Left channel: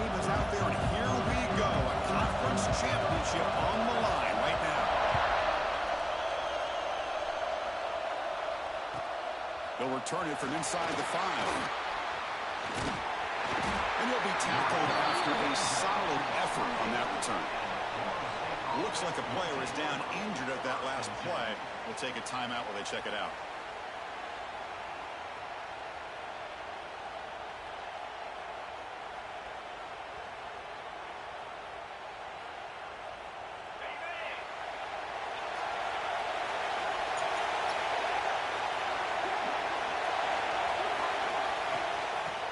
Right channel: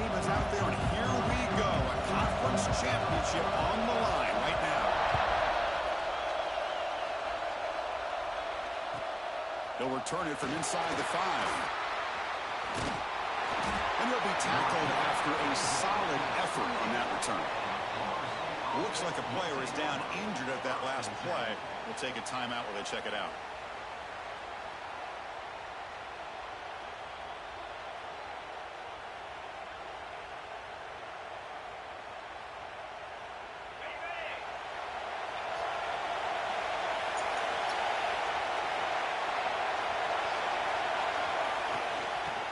team is out there, and here we go. A conference championship on the line right now. They'll return it from inside the 5. And he'll be tackled after a solid effort on that return. Looks like a player is down injured at that last play. We'll take a timeout while they check it out.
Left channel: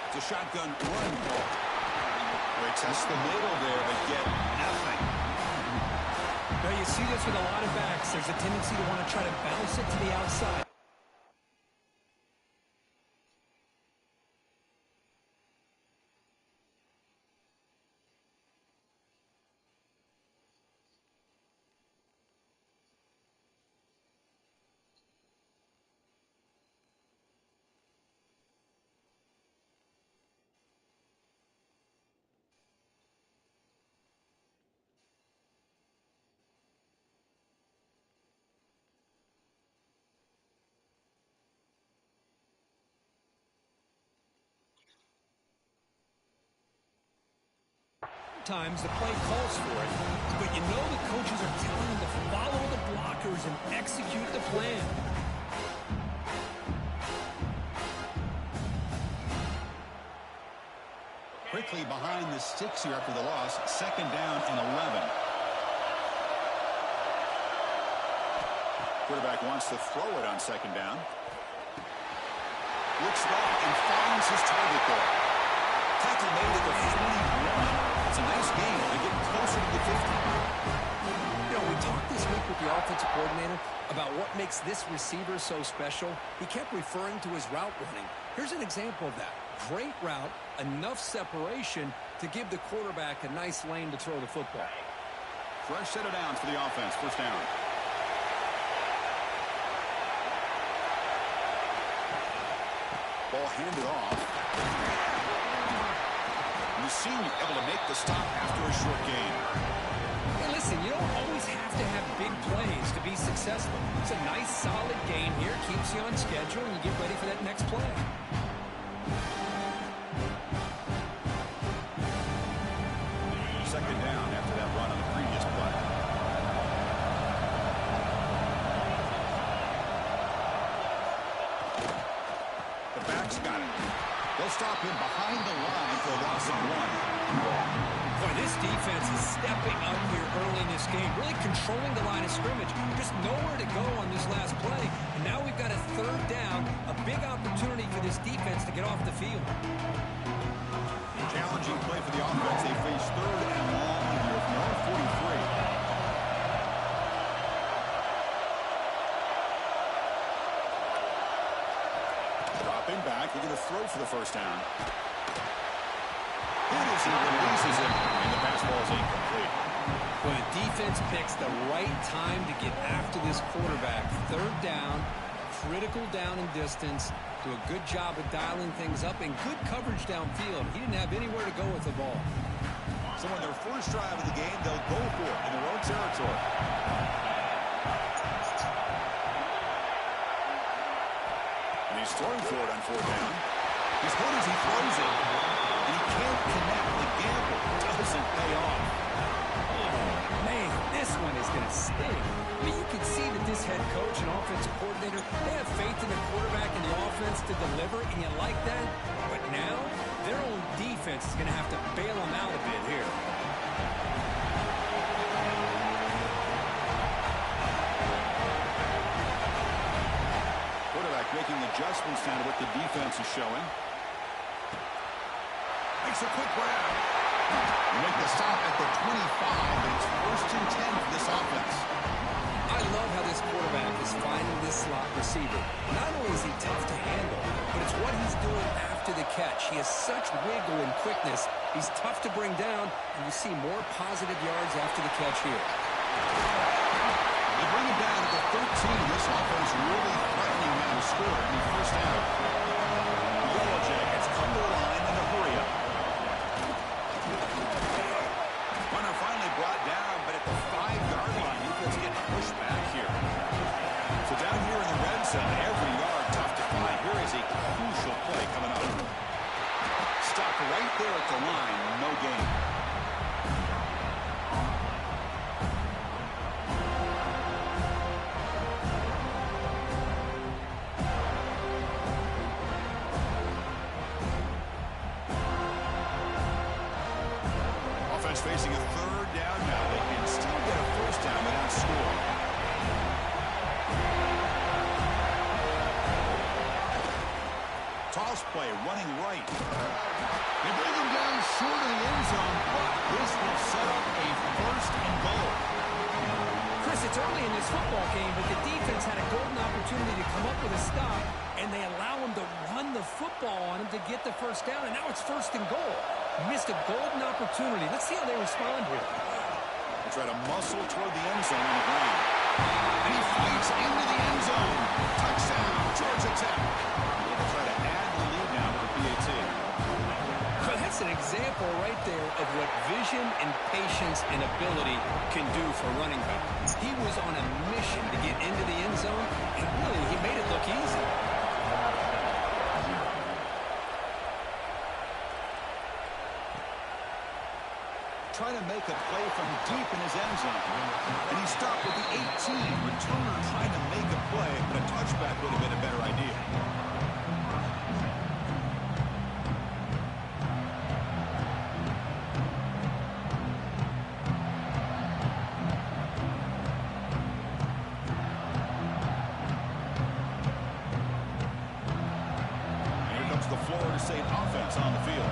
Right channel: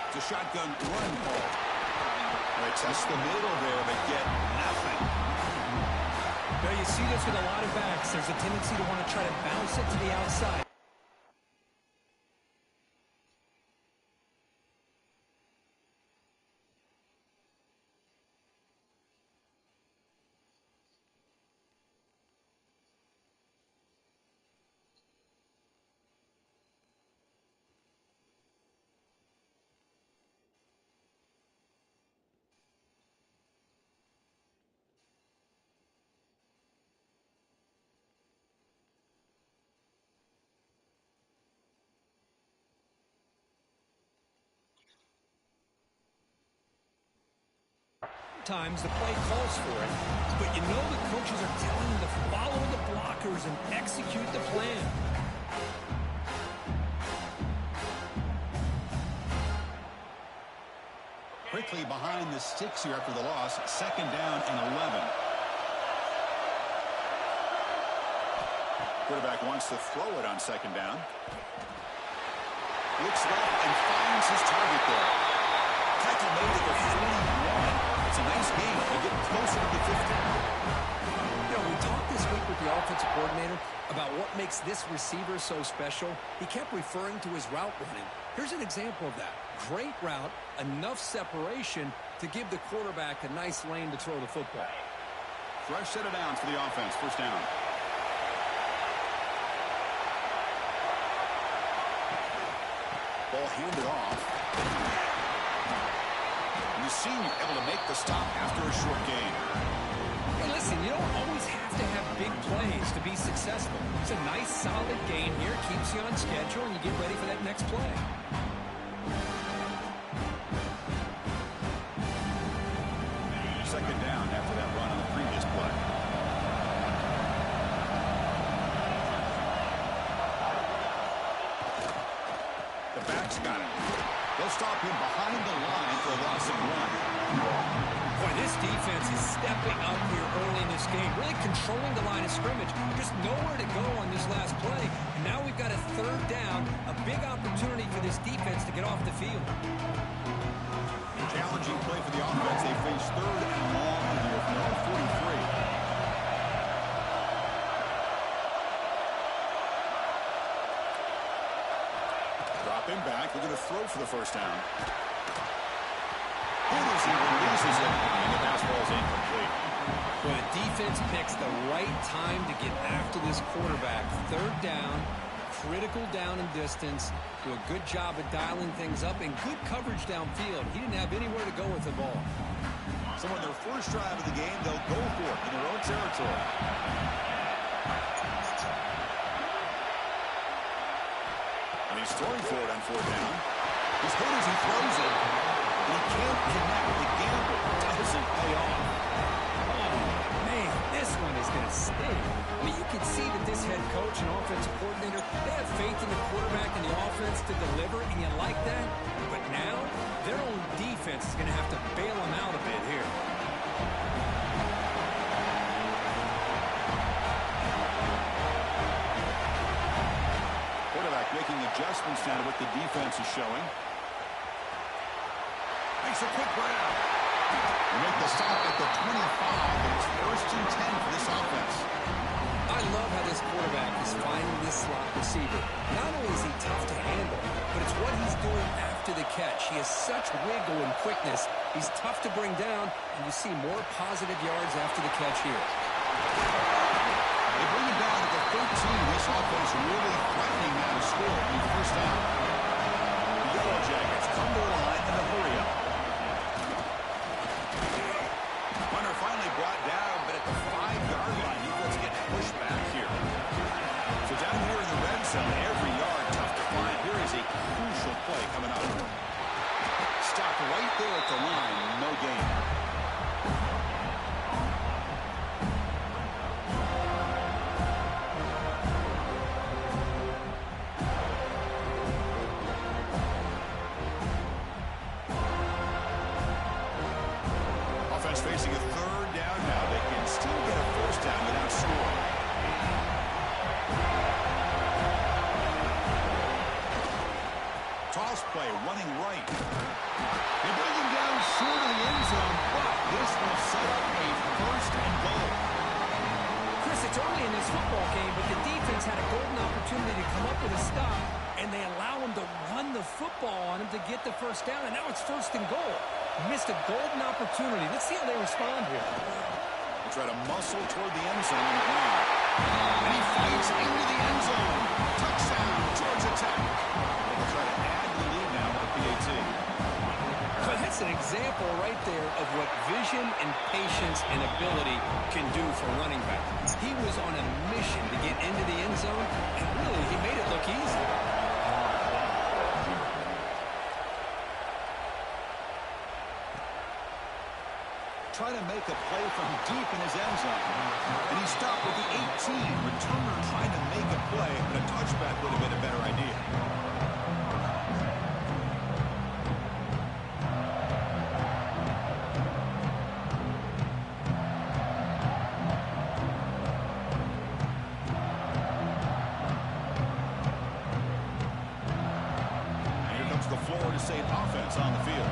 It's a shotgun run ball. They test the middle there, but get nothing. Now you see this with a lot of backs. There's a tendency to want to try to bounce it to the outside. Sometimes the play calls for it, but you know the coaches are telling them to follow the blockers and execute the plan. Quickly behind the sticks here after the loss. 2nd down and 11. Quarterback wants to throw it on 2nd down. Looks left and finds his target there. Tackle made at the 41. It's a nice game. They're getting closer to the 50. You know, we talked this week with the offensive coordinator about what makes this receiver so special. He kept referring to his route running. Here's an example of that. Great route, enough separation to give the quarterback a nice lane to throw the football. Fresh set of downs for the offense. 1st down. Ball handed off. The senior able to make the stop after a short gain. Hey, listen, you don't always have to have big plays to be successful. It's a nice, solid gain here. Keeps you on schedule, and you get ready for that next play. Second down after that run on the previous play. The back's got it. They'll stop him behind the line for a loss of 1. Boy, this defense is stepping up here early in this game, really controlling the line of scrimmage. Just nowhere to go on this last play. And now we've got a 3rd down, a big opportunity for this defense to get off the field. Challenging play for the offense. They face 3rd and long here from their own 43. Dropping back, they're going to throw for the 1st down. Hit as he releases it, and the pass ball is incomplete. Well, the defense picks the right time to get after this quarterback. 3rd down, critical down and distance. Do a good job of dialing things up and good coverage downfield. He didn't have anywhere to go with the ball. So on their first drive of the game, they'll go for it in their own territory. And he's throwing for it on 4th down. He's hurt as he throws it, and he can't connect. The gamble doesn't pay off. Oh, man, this one is going to sting. I mean, you can see that this head coach and offensive coordinator, they have faith in the quarterback and the offense to deliver, and you like that. But now, their own defense is going to have to bail them out a bit here. Quarterback making adjustments now to what the defense is showing. Makes a quick grab. They make the stop at the 25, but it's 1st and 10 for this offense. I love how this quarterback is finding this slot receiver. Not only is he tough to handle, but it's what he's doing after the catch. He has such wiggle and quickness. He's tough to bring down, and you see more positive yards after the catch here. They bring him down at the 13. This offense really threatening now to score at the 1st down. The Yellow Jackets come to the line in a hurry up. finally brought down, but at the 5-yard line, defense getting pushed back here. So down here in the red zone, every yard tough to find. Here is a crucial play coming up. Stopped right there at the line, no gain. Offense facing a 3rd down now. They can still get a 1st down without scoring. Toss play, running right. They bring him down short of the end zone, but this will set up a 1st and goal. Chris, it's early in this football game, but the defense had a golden opportunity to come up with a stop, and they allow him to run the football on him to get the 1st down, and now it's 1st and goal. Missed a golden opportunity. Let's see how they respond here. They try to muscle toward the end zone on the ground. And he fights into the end zone. Touchdown, Georgia Tech. They'll try to add the lead now with the PAT. So that's an example right there of what vision and patience and ability can do for running back. He was on a mission to get into the end zone, and really, he made it look easy. Trying to make a play from deep in his end zone. And he stopped with the 18. Returner trying to make a play, but a touchback would have been a better idea. And here comes the Florida State offense on the field.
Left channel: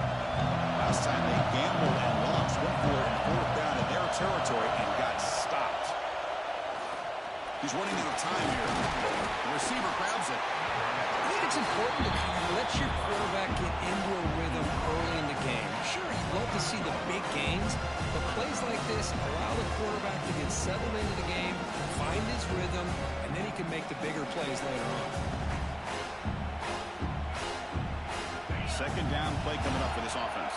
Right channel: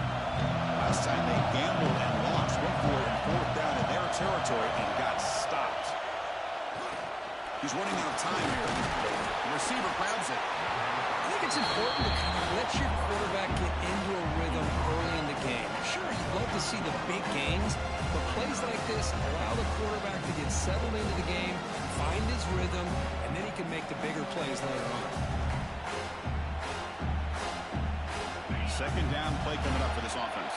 Last time they gambled and lost, went for it in 4th down in their territory and got stopped. He's running out of time here. The receiver grabs it. I think it's important to kind of let your quarterback get into a rhythm early in the game. Sure, you'd love to see the big gains, but plays like this allow the quarterback to get settled into the game, find his rhythm, and then he can make the bigger plays later on. 2nd down play coming up for this offense.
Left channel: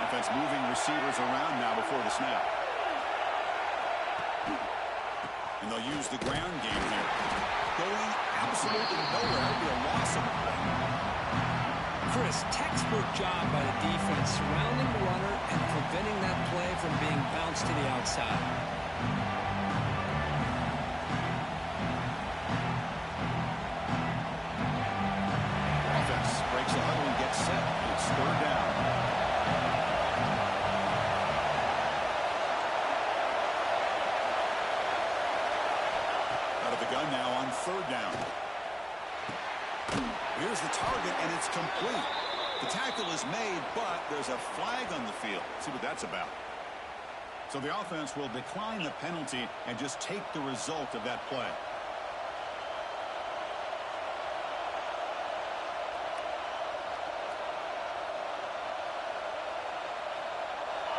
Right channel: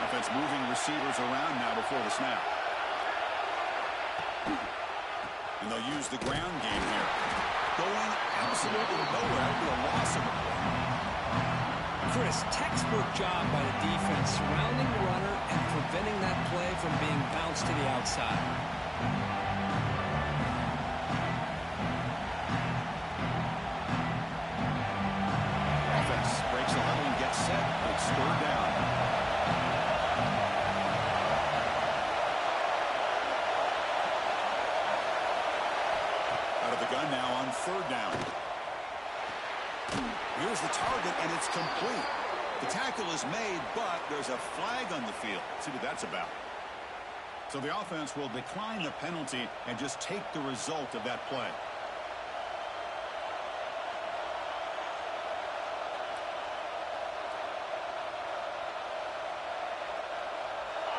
Offense moving receivers around now before the snap. And they'll use the ground game here. Going absolutely nowhere. That would be a loss of the play. Chris, textbook job by the defense surrounding the runner and preventing that play from being bounced to the outside. Breaks the huddle and gets set. It's 3rd down. Out of the gun now on 3rd down. Here's the target, and it's complete. The tackle is made, but there's a flag on the field. Let's see what that's about. So the offense will decline the penalty and just take the result of that play.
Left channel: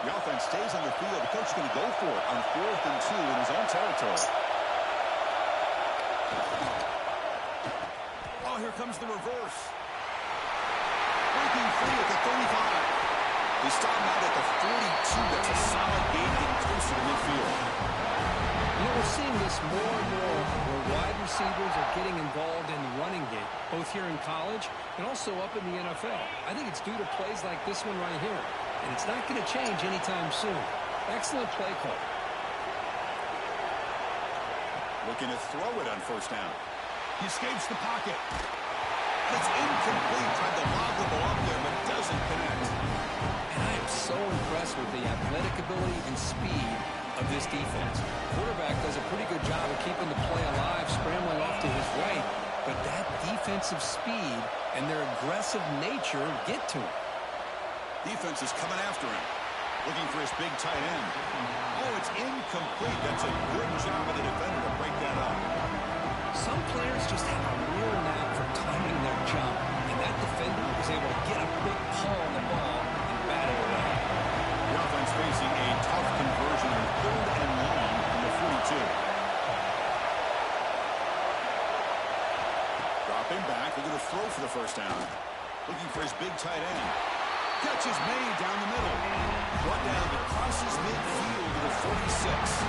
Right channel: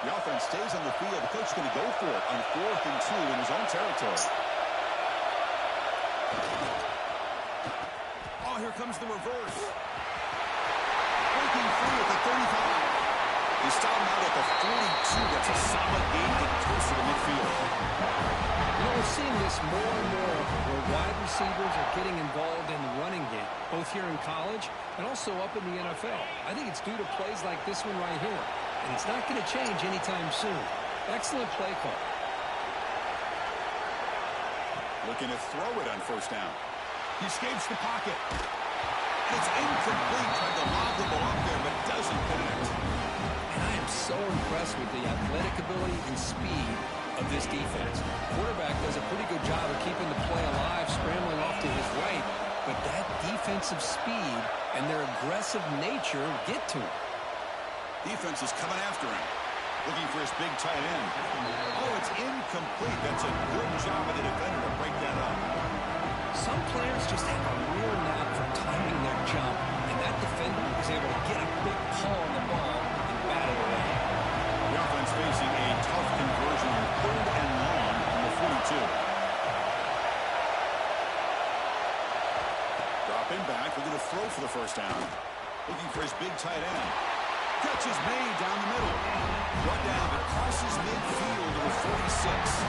The offense stays on the field. The coach is going to go for it on 4th and 2 in his own territory. Oh, here comes the reverse. Breaking free at the 35. They stop him out at the 42. That's a solid gain, getting closer to midfield. You know, we're seeing this more and more where wide receivers are getting involved in the running game, both here in college and also up in the NFL. I think it's due to plays like this one right here. And it's not going to change anytime soon. Excellent play call. Looking to throw it on 1st down. He escapes the pocket. And it's incomplete. Tried to lob the ball up there, but doesn't connect. And I am so impressed with the athletic ability and speed of this defense. Quarterback does a pretty good job of keeping the play alive, scrambling off to his right. But that defensive speed and their aggressive nature get to him. Defense is coming after him. Looking for his big tight end. Oh, it's incomplete. That's a good job of the defender to break that up. Some players just have a real knack for timing their jump, and that defender was able to get a big pull on the ball and bat it away. The offense facing a tough conversion in 3rd and long from the 42. Dropping back. They're going to throw for the 1st down. Looking for his big tight end. Catch is made down the middle. Brought down, but crosses midfield to the 46.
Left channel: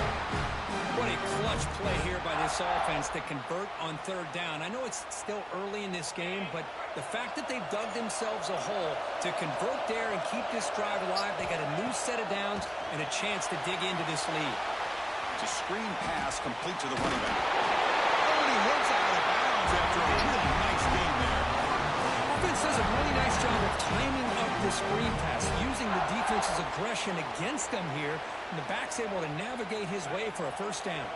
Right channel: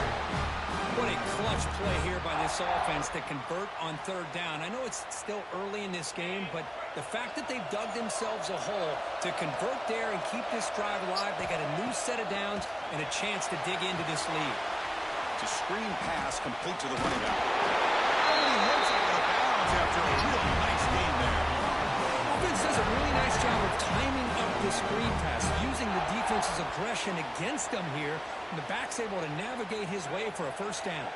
What a clutch play here by this offense to convert on third down. I know it's still early in this game, but the fact that they've dug themselves a hole to convert there and keep this drive alive, they got a new set of downs and a chance to dig into this lead. It's a screen pass complete to the running back. Oh, and he heads out of bounds after a really nice game there. Offense does a really nice job of timing up this screen pass, using the defense's aggression against them here, and the back's able to navigate his way for a first down.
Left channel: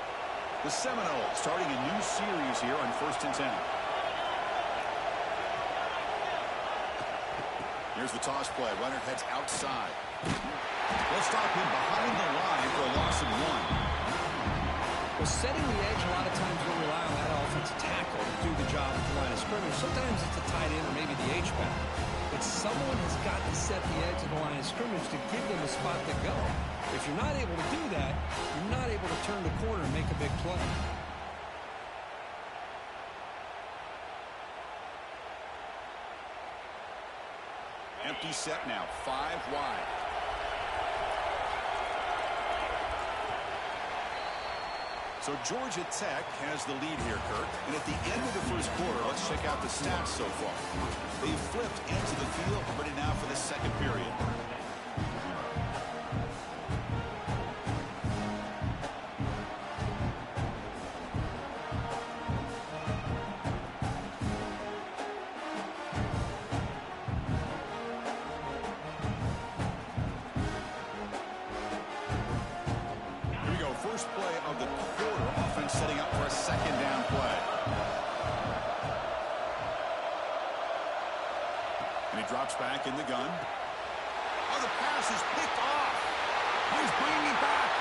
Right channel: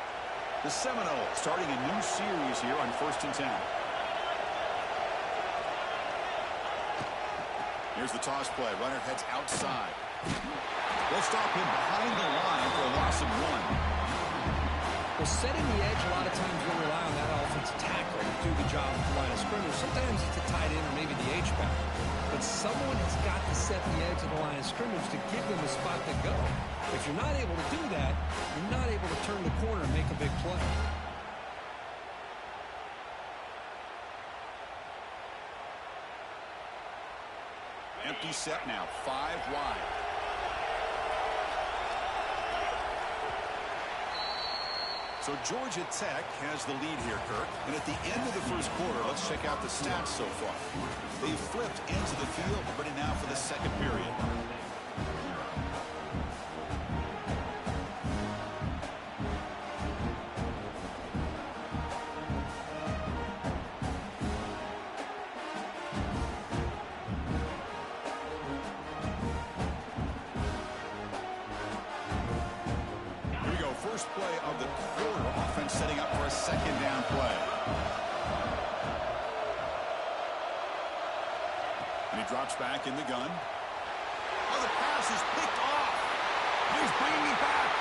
The Seminoles starting a new series here on 1st and 10. Here's the toss play. Runner heads outside. They'll stop him behind the line for a loss of 1. Well, setting the edge, a lot of times you'll rely on that offensive tackle to do the job at the line of scrimmage. Sometimes it's a tight end or maybe the H-back. But someone has got to set the edge of the line of scrimmage to give them a spot to go. If you're not able to do that, you're not able to turn the corner and make a big play. Empty set now, 5 wide. So Georgia Tech has the lead here, Kirk. And at the end of the first quarter, let's check out the stats so far. They've flipped into the field, ready now for the second period. First play of the quarter, offense setting up for a second down play. And he drops back in the gun. Oh, the pass is picked off. Oh, he's bringing it back.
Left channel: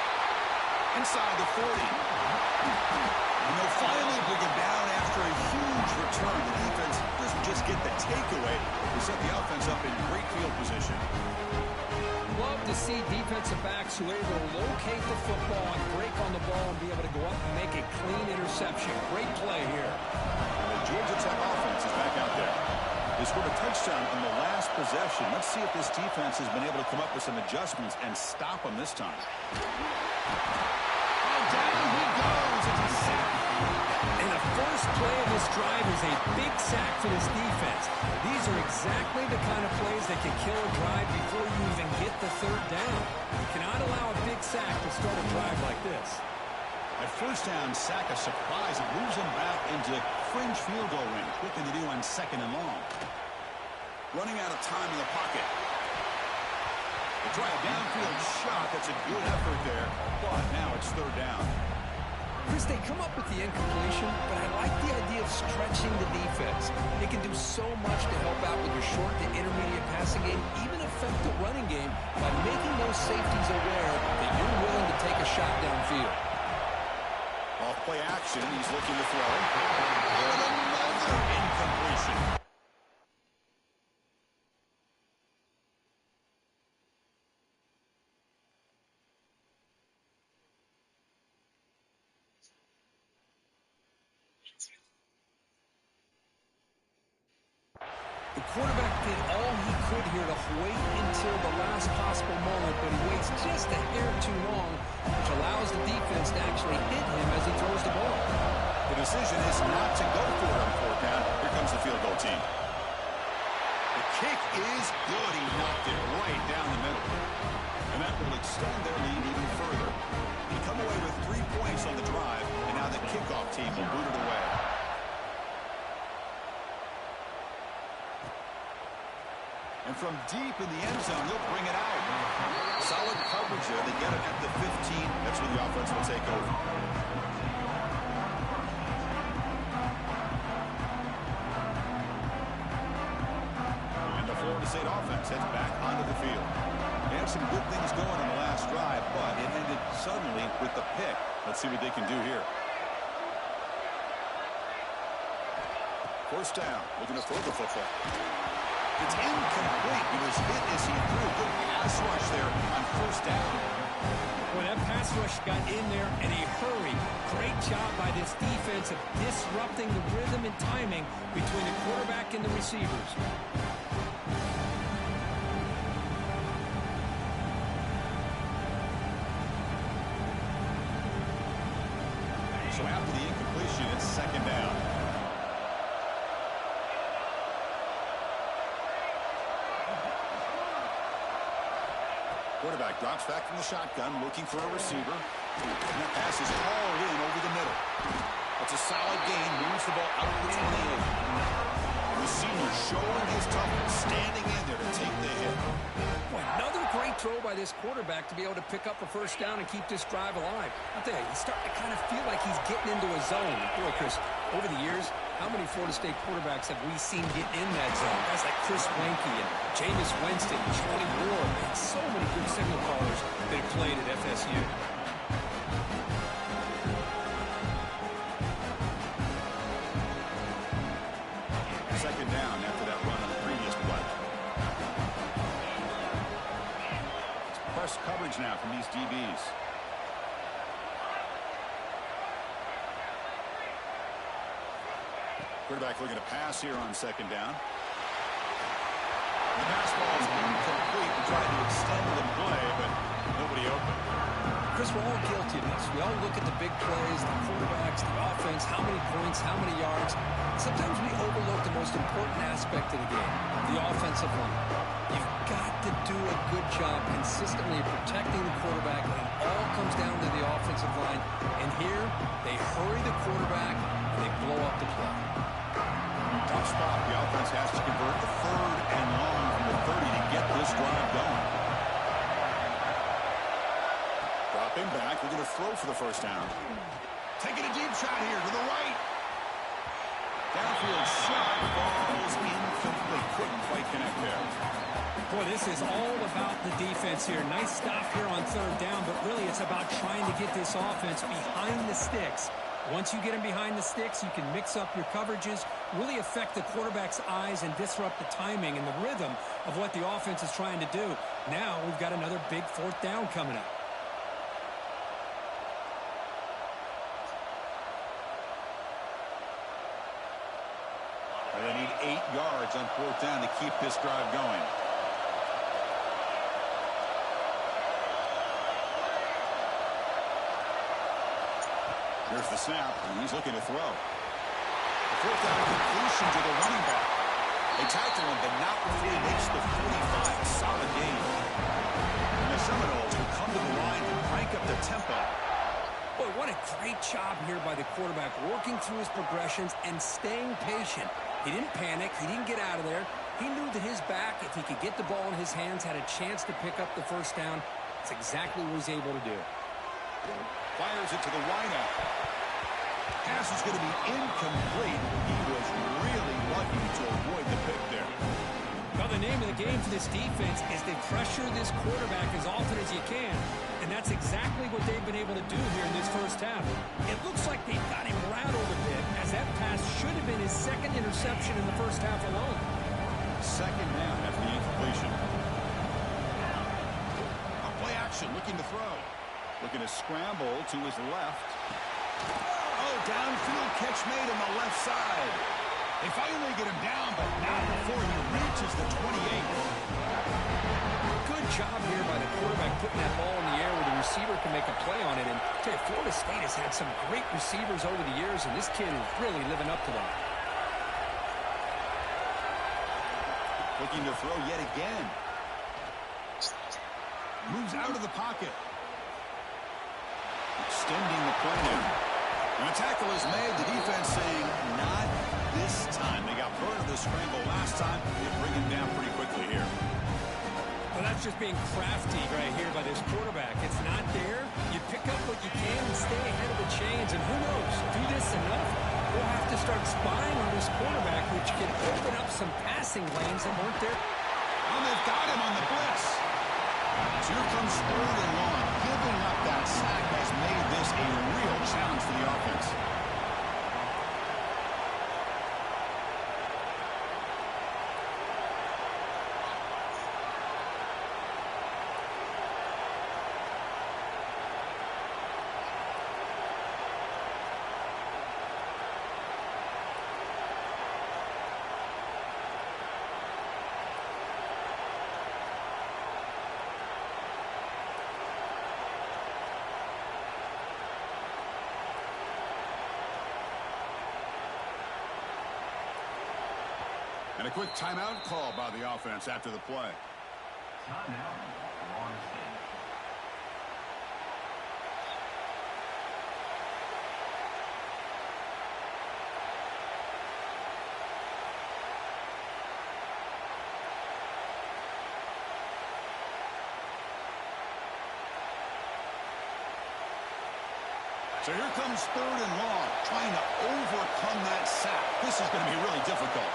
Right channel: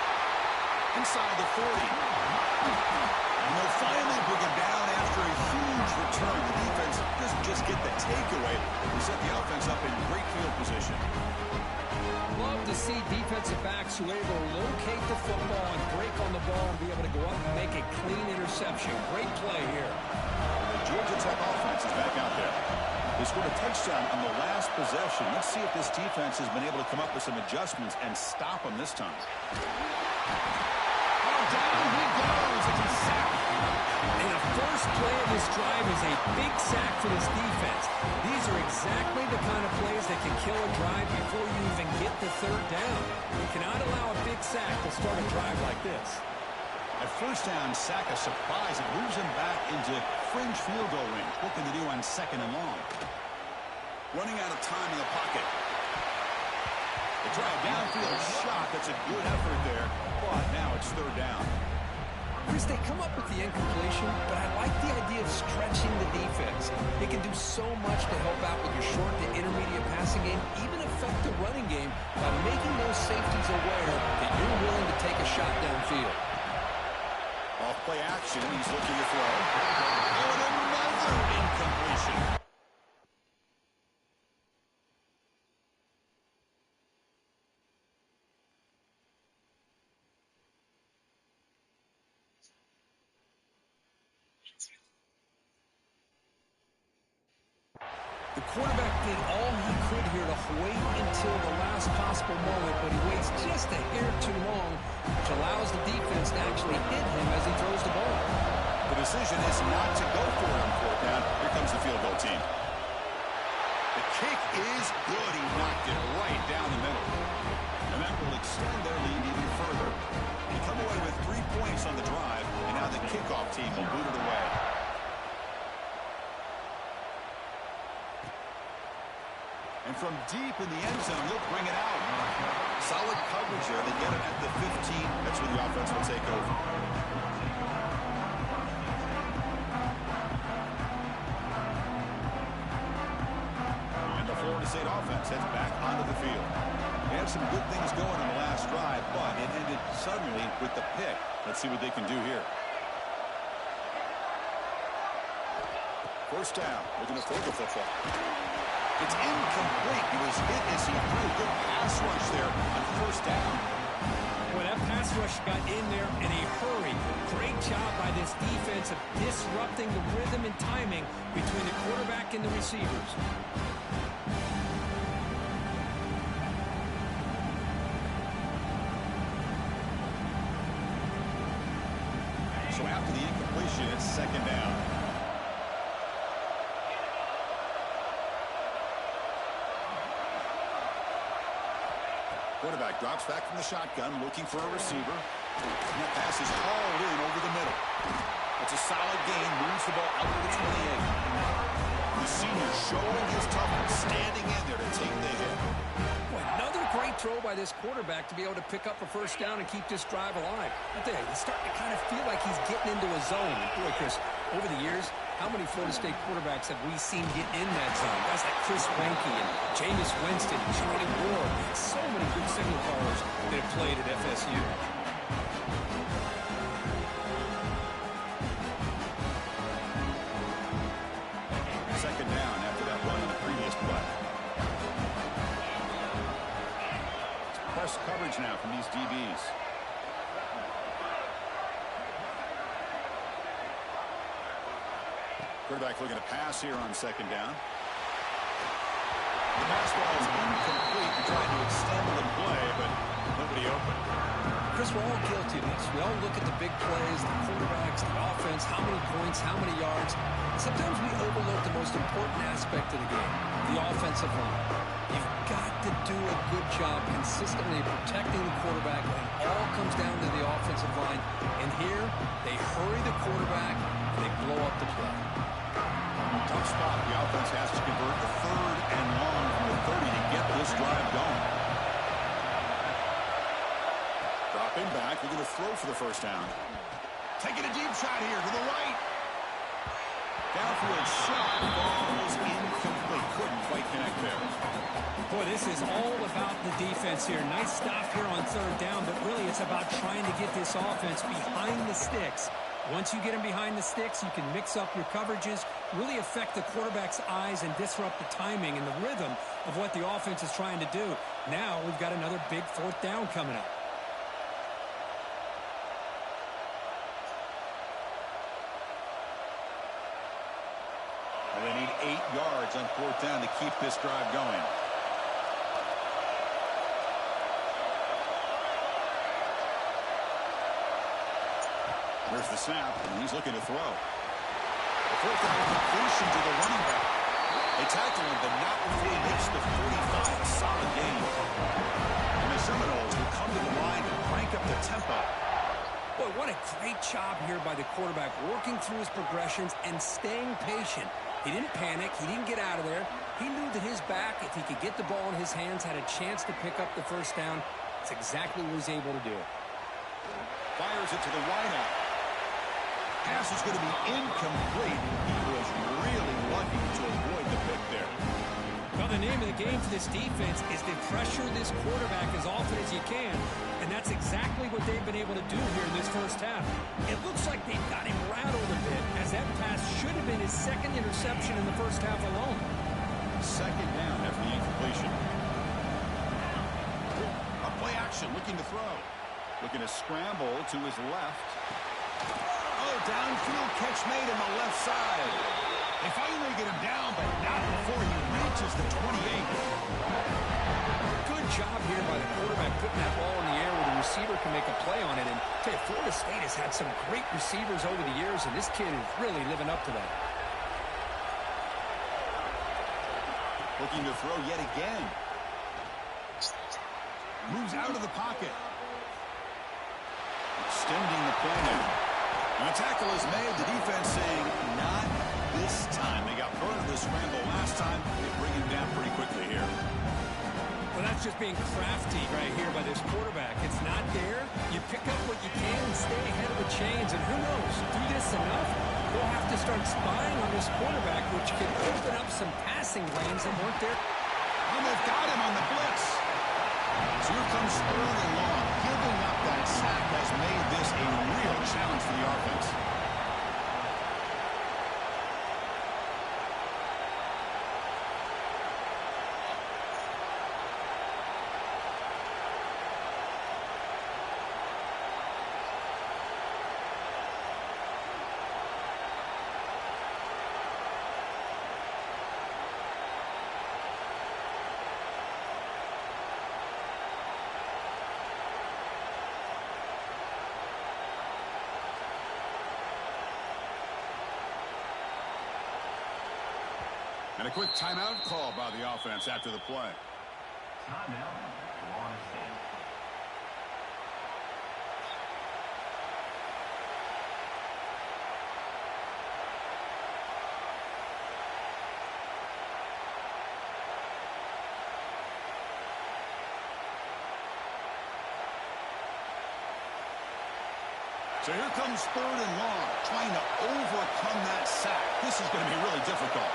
Inside the 40. And they'll finally bring him down after a huge return. The defense doesn't just get the takeaway. They set the offense up in great field position. Love to see defensive backs who are able to locate the football and break on the ball and be able to go up and make a clean interception. Great play here. And the Georgia Tech offense is back out there. They scored a touchdown on the last possession. Let's see if this defense has been able to come up with some adjustments and stop them this time. Oh, down he goes. It's a sack. And the first play of this drive is a big sack for this defense. These are exactly the kind of plays that can kill a drive before you even get the third down. You cannot allow a big sack to start a drive like this. At first down, sack a surprise. It moves him back into fringe field goal range. What can they do on 2nd and long? Running out of time in the pocket. They try a downfield shot. That's a good effort there, but now it's 3rd down. Chris, they come up with the incompletion, but I like the idea of stretching the defense. It can do so much to help out with your short to intermediate passing game, even affect the running game by making those safeties aware that you're willing to take a shot downfield. Off play action, he's looking to throw. Oh, and another incompletion. The quarterback did all he could here to wait until the last possible moment, but he waits just a hair too long, which allows the defense to actually hit him as he throws the ball. The decision is not to go for it on 4th down. Here comes the field goal team. The kick is good. He knocked it right down the middle. And that will extend their lead even further. They come away with 3 points on the drive, and now the kickoff team will boot it away. And from deep in the end zone, he'll bring it out. Solid coverage there. They get it at the 15. That's where the offense will take over. And the Florida State offense heads back onto the field. They had some good things going on the last drive, but it ended suddenly with the pick. Let's see what they can do here. 1st down, looking to throw the football. It's incomplete. He was hit as he threw. Good pass rush there on 1st down. Well, that pass rush got in there in a hurry. Great job by this defense of disrupting the rhythm and timing between the quarterback and the receivers. So after the incompletion, it's second down. Quarterback drops back from the shotgun, looking for a receiver. And that pass is hauled in over the middle. That's a solid gain, moves the ball out to the 28. The senior showing his toughness, standing in there to take the hit. Boy, another great throw by this quarterback to be able to pick up a first down and keep this drive alive. I'll tell you, he's starting to kind of feel like he's getting into a zone. And boy, Chris, over the years, how many Florida State quarterbacks have we seen get in that zone? Guys like Chris Wenke and Jameis Winston, Charlie Ward, man, so many good signal callers that have played at FSU. Second down after that run on the previous play. It's press coverage now from these DBs. Quarterback looking to pass here on second down. The pass ball is incomplete and trying to extend the play, but nobody open. Chris, we're all guilty of this. We all look at the big plays, the quarterbacks, the offense, how many points, how many yards. Sometimes we overlook the most important aspect of the game, the offensive line. You've got to do a good job consistently protecting the quarterback when it all comes down to the offensive line. And here, they hurry the quarterback and they blow up the play. Tough spot. The offense has to convert the third and long from the 30 to get this drive going. Dropping back, looking to throw for the first down. Taking a deep shot here to the right. Downfield shot falls incomplete. Couldn't quite connect there. Boy, this is all about the defense here. Nice stop here on third down, but really it's about trying to get this offense behind the sticks. Once you get them behind the sticks, you can mix up your coverages, really affect the quarterback's eyes and disrupt the timing and the rhythm of what the offense is trying to do. Now we've got another big fourth down coming up. And they need 8 yards on fourth down to keep this drive going. Here's the snap, and he's looking to throw. A fourth down completion to the running back. They tackle him, but not before he makes the 45. A solid gain. And the Seminoles will come to the line to crank up the tempo. Boy, what a great job here by the quarterback, working through his progressions and staying patient. He didn't panic. He didn't get out of there. He knew that his back, if he could get the ball in his hands, had a chance to pick up the first down. That's exactly what he's able to do. Fires it to the wideout. Pass is going to be incomplete. He was really lucky to avoid the pick there. Well, the name of the game for this defense is to pressure this quarterback as often as you can, and that's exactly what they've been able to do here in this first half. It looks like they've got him rattled a bit, as that pass should have been his second interception in the first half alone. Second down after the incompletion. A play action, looking to throw. Looking to scramble to his left. Oh, downfield catch made on the left side. They finally get him down, but not before he reaches the 28. Good job here by the quarterback putting that ball in the air where the receiver can make a play on it. And I tell you, Florida State has had some great receivers over the years, and this kid is really living up to that. Looking to throw yet again. Moves out of the pocket. Extending the play now. And a tackle is made. The defense saying, not this time. They got burned in the scramble last time. They bring him down pretty quickly here. Well, that's just being crafty right here by this quarterback. It's not there. You pick up what you can and stay ahead of the chains. And who knows, do this enough, they'll have to start spying on this quarterback, which can open up some passing lanes that weren't there. And they've got him on the blitz. So here comes third and long. Giving up that sack has made this a real challenge for the offense. And a quick timeout call by the offense after the play. Timeout, Florida State. So here comes 3rd and long, trying to overcome that sack. This is going to be really difficult.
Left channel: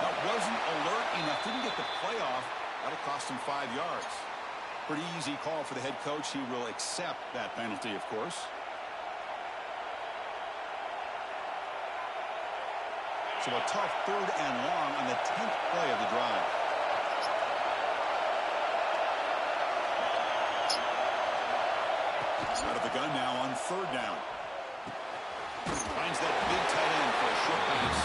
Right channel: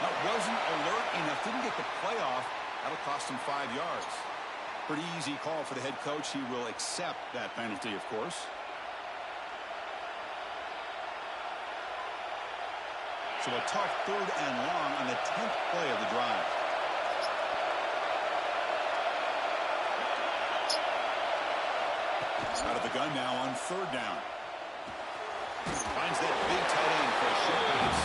That wasn't alert enough. Didn't get the play off. That'll cost him 5 yards. Pretty easy call for the head coach. He will accept that penalty, of course. So a tough 3rd and long on the 10th play of the drive. Out of the gun now on 3rd down. Finds that big tight end for a short pass.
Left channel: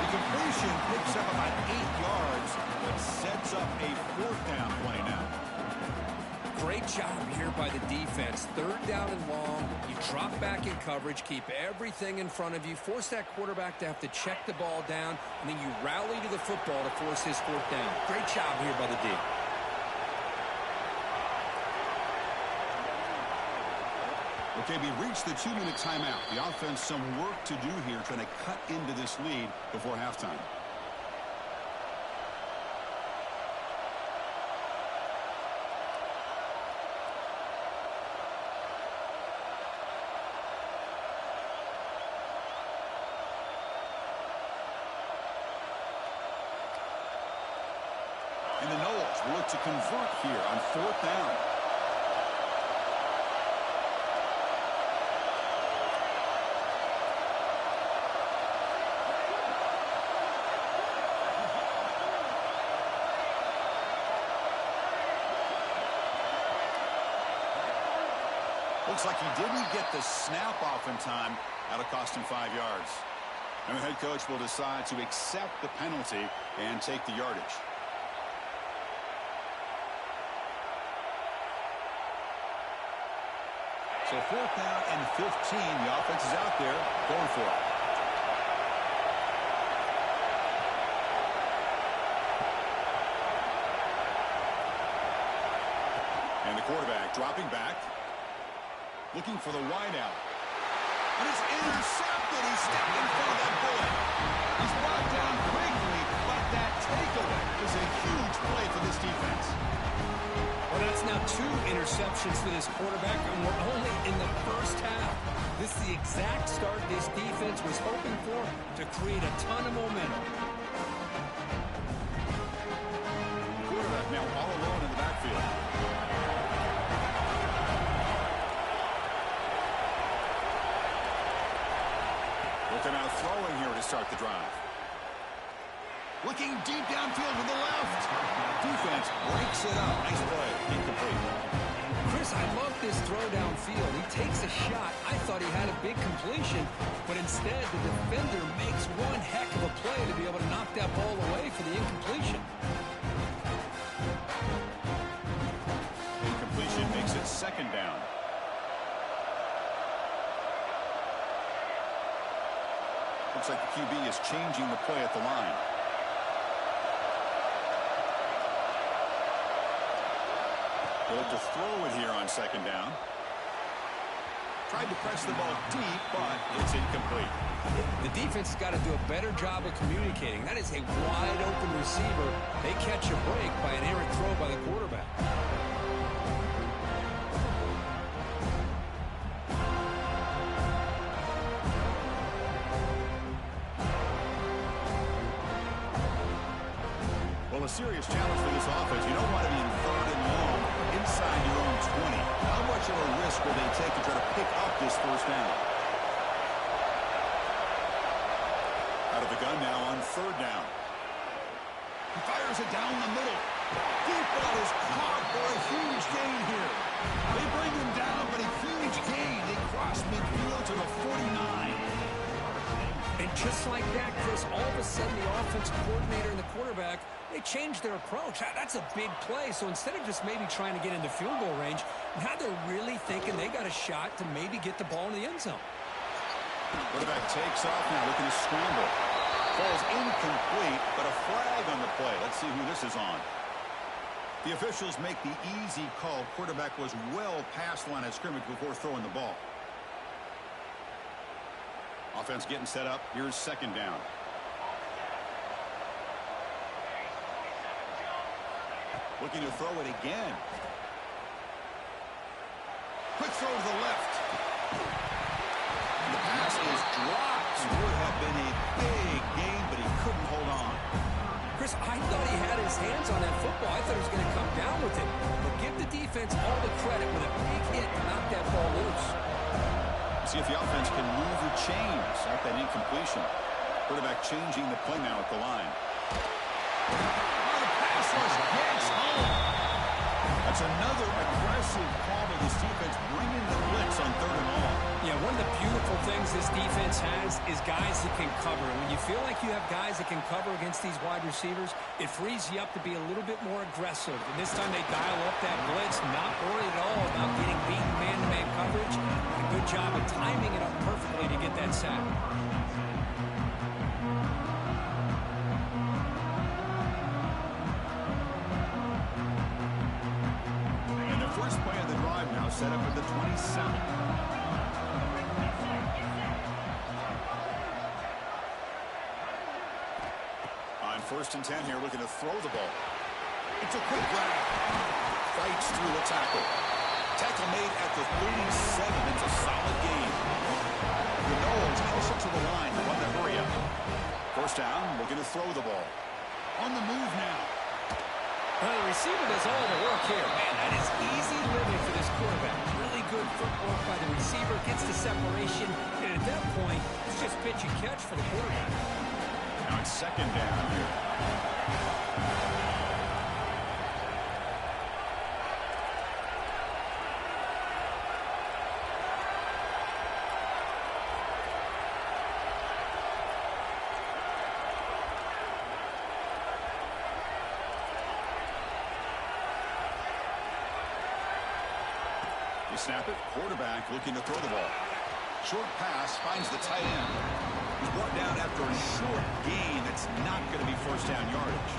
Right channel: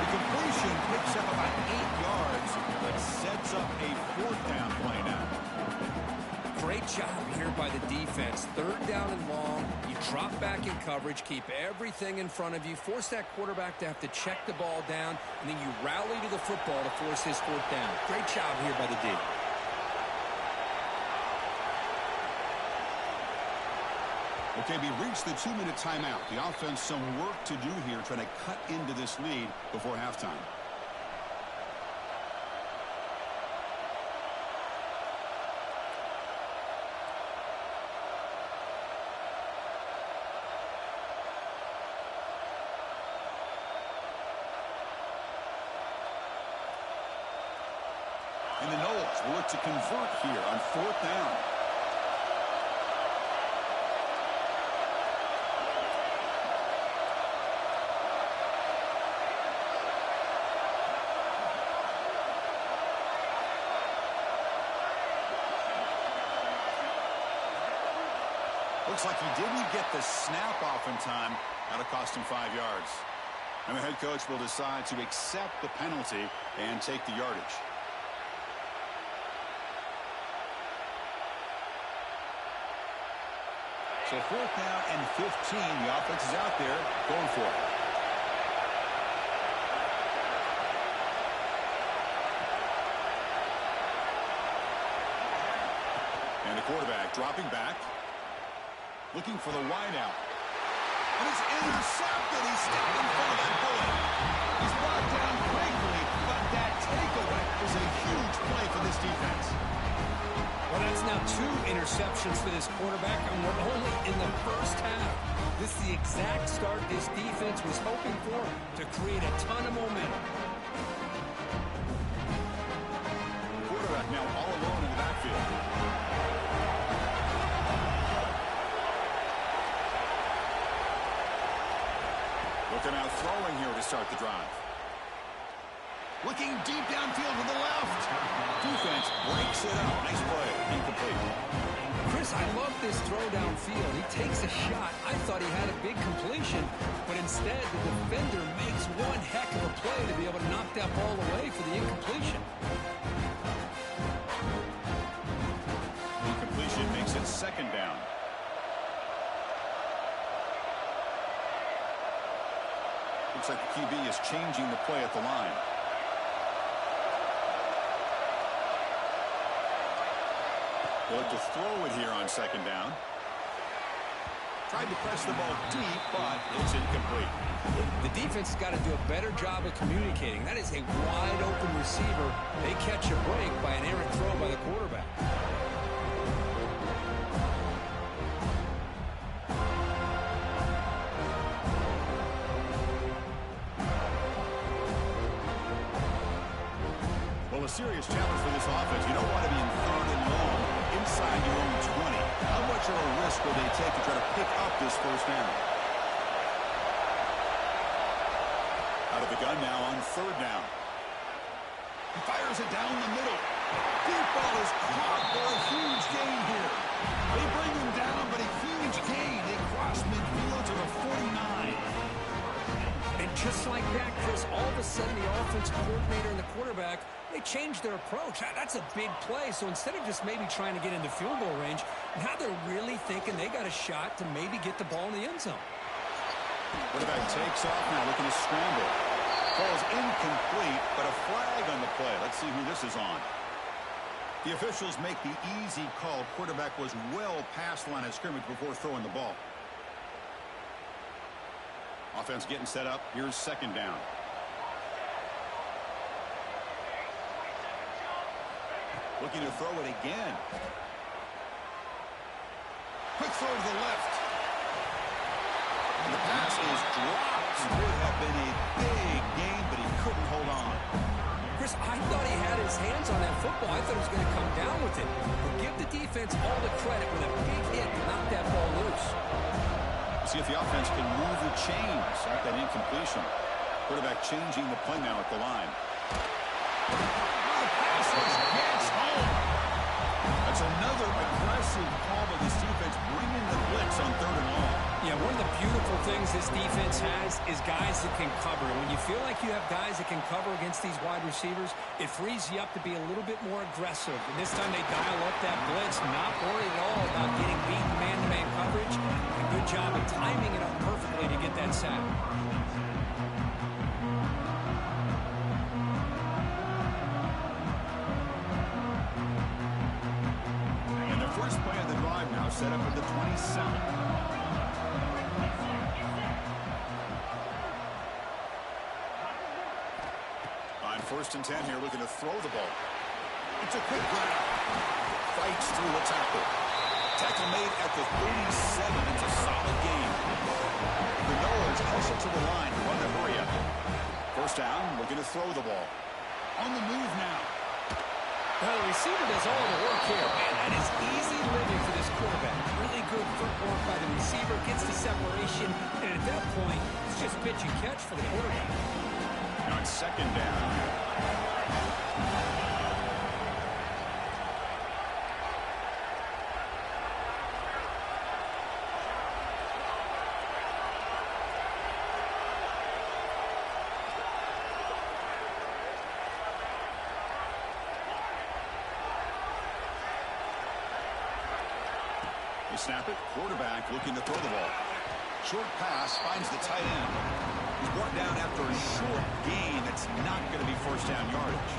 The completion picks up about 8 yards, but sets up a 4th down play now. Great job here by the defense. 3rd down and long. You drop back in coverage, keep everything in front of you, force that quarterback to have to check the ball down, and then you rally to the football to force his 4th down. Great job here by the D. Okay, we reached the 2-minute timeout. The offense some work to do here, trying to cut into this lead before halftime. And the Noles will look to convert here on 4th down. Looks like he didn't get the snap off in time. That'll cost him 5 yards. And the head coach will decide to accept the penalty and take the yardage. So 4th down and 15. The offense is out there going for it. And the quarterback dropping back. Looking for the wideout. And it's intercepted. He stepped in front of that bullet. He's brought down quickly, but that takeaway is a huge play for this defense. Well, that's now 2 interceptions for this quarterback, and we're only in the first half. This is the exact start this defense was hoping for to create a ton of momentum. The quarterback now all alone in the backfield. Looking out throwing here to start the drive. Looking deep downfield to the left. Defense breaks it up. Nice play. Incomplete. Chris, I love this throw downfield. He takes a shot. I thought he had a big completion, but instead the defender makes one heck of a play to be able to knock that ball away for the incompletion. Incompletion makes it 2nd down. Looks like the QB is changing the play at the line. They look to throw it here on 2nd down. Tried to press the ball deep, but it's incomplete. The defense has got to do a better job of communicating. That is a wide-open receiver. They catch a break by an errant throw by the quarterback. Well, a serious challenge for this offense. You don't want to be in 3rd and long inside your own 20. How much of a risk will they take to try to pick up this 1st down? Out of the gun now on 3rd down. He fires it down the middle. Deep ball is caught for a huge gain here. They bring him down, but a huge gain. They cross midfield to the 49. And just like that, Chris, all of a sudden the offensive coordinator and the quarterback, they changed their approach. That's a big play. So instead of just maybe trying to get into field goal range, now they're really thinking they got a shot to maybe get the ball in the end zone. Quarterback takes off now, looking to scramble. Falls incomplete, but a flag on the play. Let's see who this is on. The officials make the easy call. Quarterback was well past the line of scrimmage before throwing the ball. Offense getting set up. Here's second down. Looking to throw it again. Quick throw to the left. And the pass is dropped. Would have been a big game, but he couldn't hold on. Chris, I thought he had his hands on that football. I thought he was going to come down with it. But give the defense all the credit with a big hit to knock that ball loose. See if the offense can move the chains after that incompletion. Quarterback changing the play now at the line. Oh, the pass rush gets home. That's another aggressive call by this defense, bringing the blitz on 3rd and all. Yeah, one of the beautiful things this defense has is guys that can cover. And when you feel like you have guys that can cover against these wide receivers, it frees you up to be a little bit more aggressive. And this time they dial up that blitz, not worried at all about getting beaten man-to-man coverage. And a good job of timing it up perfectly to get that sack. First play of the drive now set up at the 27. On 1st and 10 here, looking to throw the ball. It's a quick grab. Fights through a tackle. Tackle made at the 37. It's a solid game. The Noles hustle to the line to run the hurry up. First down, looking to throw the ball. On the move now. Well, the receiver does all the work here. Man, that is easy living for this quarterback. Really good footwork by the receiver. Gets the separation. And at that point, it's just pitch and catch for the quarterback. Now it's second down here. You snap it. Quarterback looking to throw the ball. Short pass finds the tight end. He's brought down after a short gain that's not going to be first down yardage.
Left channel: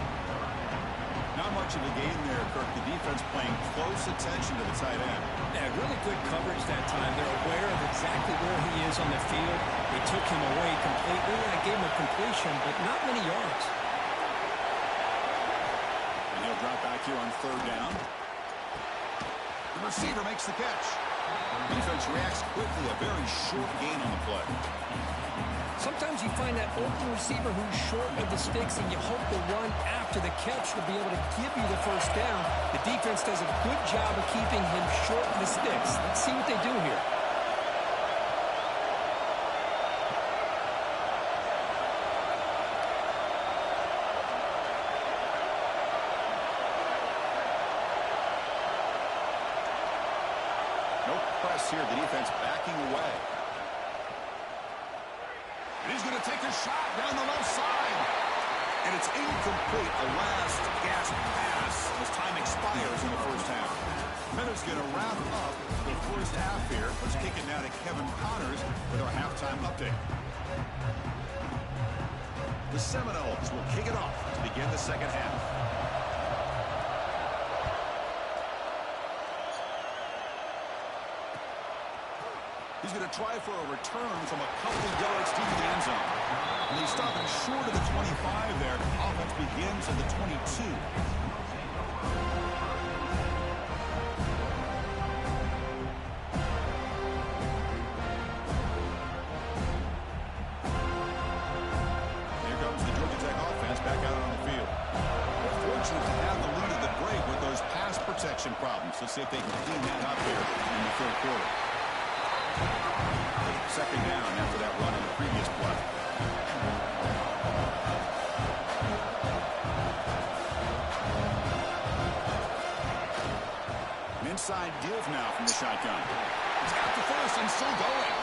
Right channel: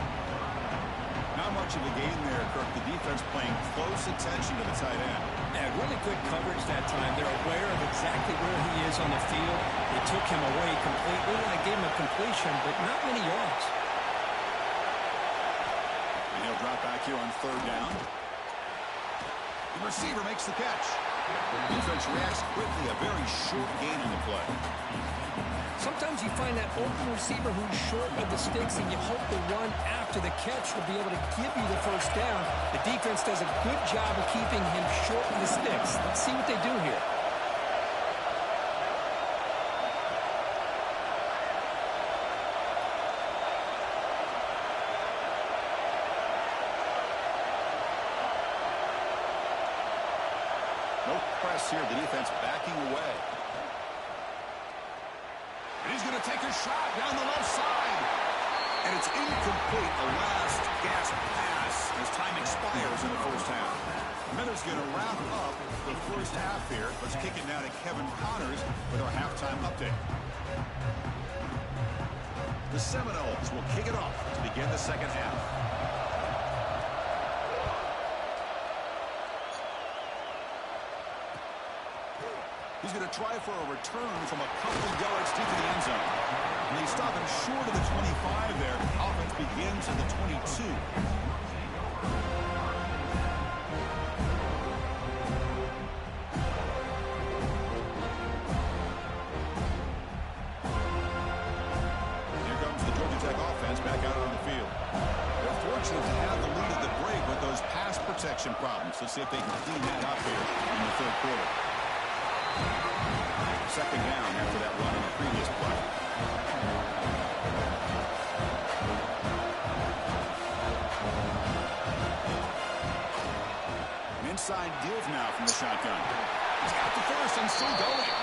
Not much of a gain there, Kirk. The defense paying close attention to the tight end. Yeah, really good coverage that time. They're aware of exactly where he is on the field. They took him away completely. I gave him a completion, but not many yards. And he'll drop back here on 3rd down. The receiver makes the catch. The defense reacts quickly. A very short gain on the play. Sometimes you find that open receiver who's short of the sticks, and you hope the run after the catch will be able to give you the first down. The defense does a good job of keeping him short of the sticks. Let's see what they do here. No press here. The defense backing away. And he's going to take a shot down the left side. And it's incomplete. A last gasp pass as time expires in the first half. Miller's going to wrap up the first half here. Let's kick it now to Kevin Connors with our halftime update. The Seminoles will kick it off to begin the second half. He's going to try for a return from a couple yards deep in the end zone. And he's stopping short of the 25 there. Offense begins at the 22. Here comes the Georgia Tech offense back out on the field. They're fortunate to have the lead at the break with those pass protection problems. Let's see if they can clean that up here in the 3rd quarter. Second down after that run on the previous play. An inside give now from the shotgun. He's got the first and still going.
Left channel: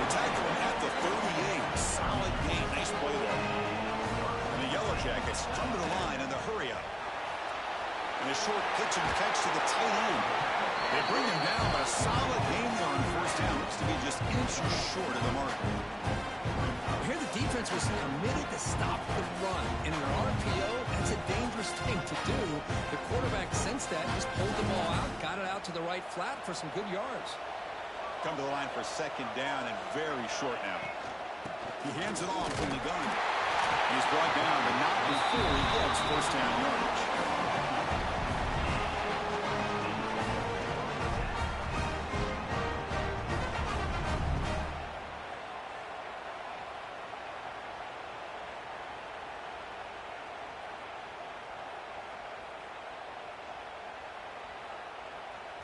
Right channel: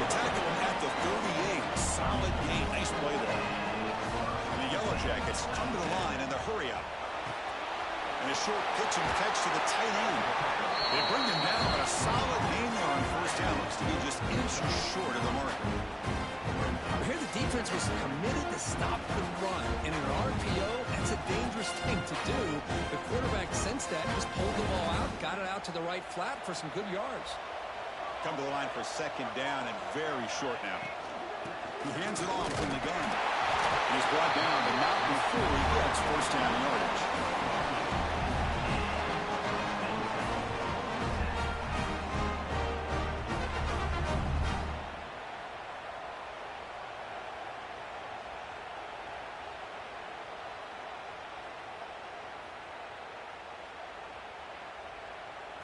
They tackle him at the 38. Solid gain. Nice play there. And the Yellow Jackets come to the line in the hurry up. And a short pitch and catch to the tight end. They bring him down, but a solid game there on first down. Looks to be just inches short of the marker. Here the defense was committed to stop the run. And in an RPO, that's a dangerous thing to do. The quarterback sensed that, just pulled the ball out, got it out to the right flat for some good yards. Come to the line for second down and very short now. He hands it off from the gun. And he's brought down, but not before he gets first down yardage.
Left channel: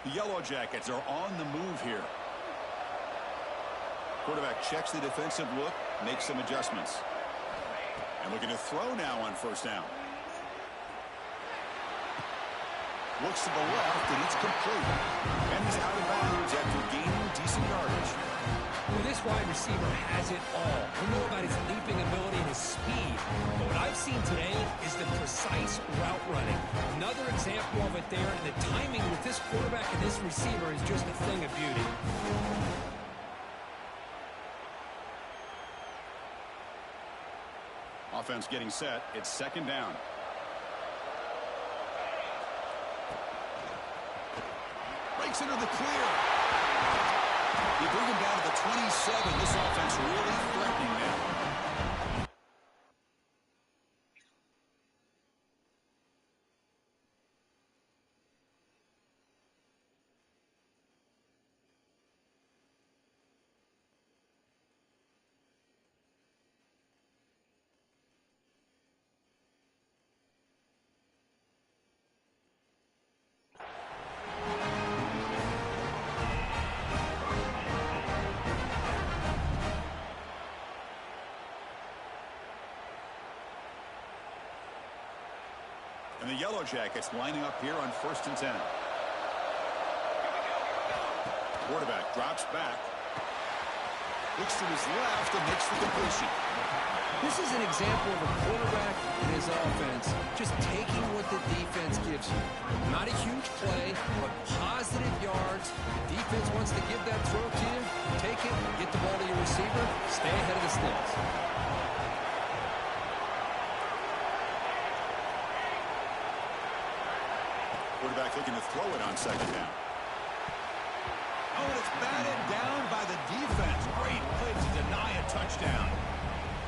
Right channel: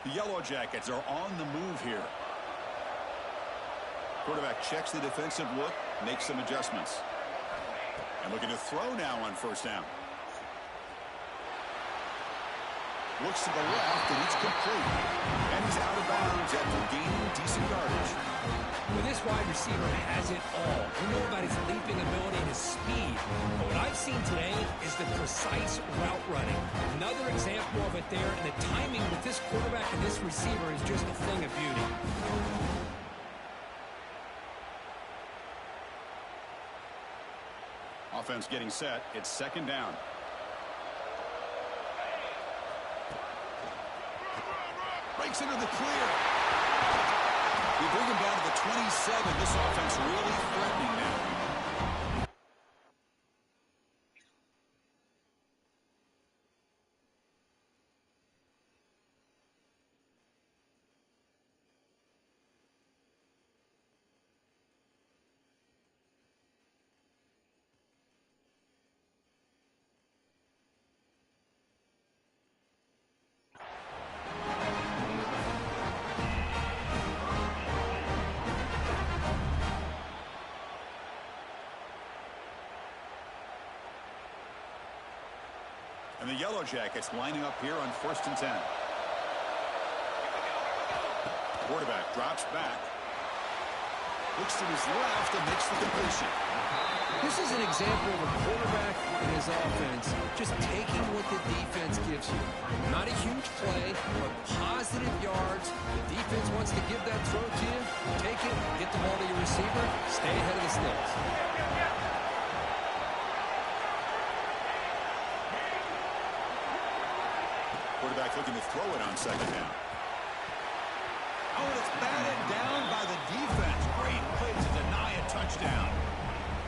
The Yellow Jackets are on the move here. Quarterback checks the defensive look, makes some adjustments. And looking to throw now on first down. Looks to the left, and it's complete. And he's out of bounds after gaining decent yardage. Well, this wide receiver has it all. We know about his leaping ability and his speed. But what I've seen today is the precise route running. Another example of it there, and the timing with this quarterback and this receiver is just a thing of beauty. Offense getting set. It's second down. Breaks into the clear. You bring him down to the 27. This offense really threatening now. And the Yellow Jackets lining up here on 1st and 10. Quarterback drops back. Looks to his left and makes the completion. This is an example of a quarterback and his offense just taking what the defense gives you. Not a huge play, but positive yards. The defense wants to give that throw to you. Take it, get the ball to your receiver, stay ahead of the sticks. Quarterback looking to throw it on second down. Oh, and it's batted down by the defense. Great play to deny a touchdown.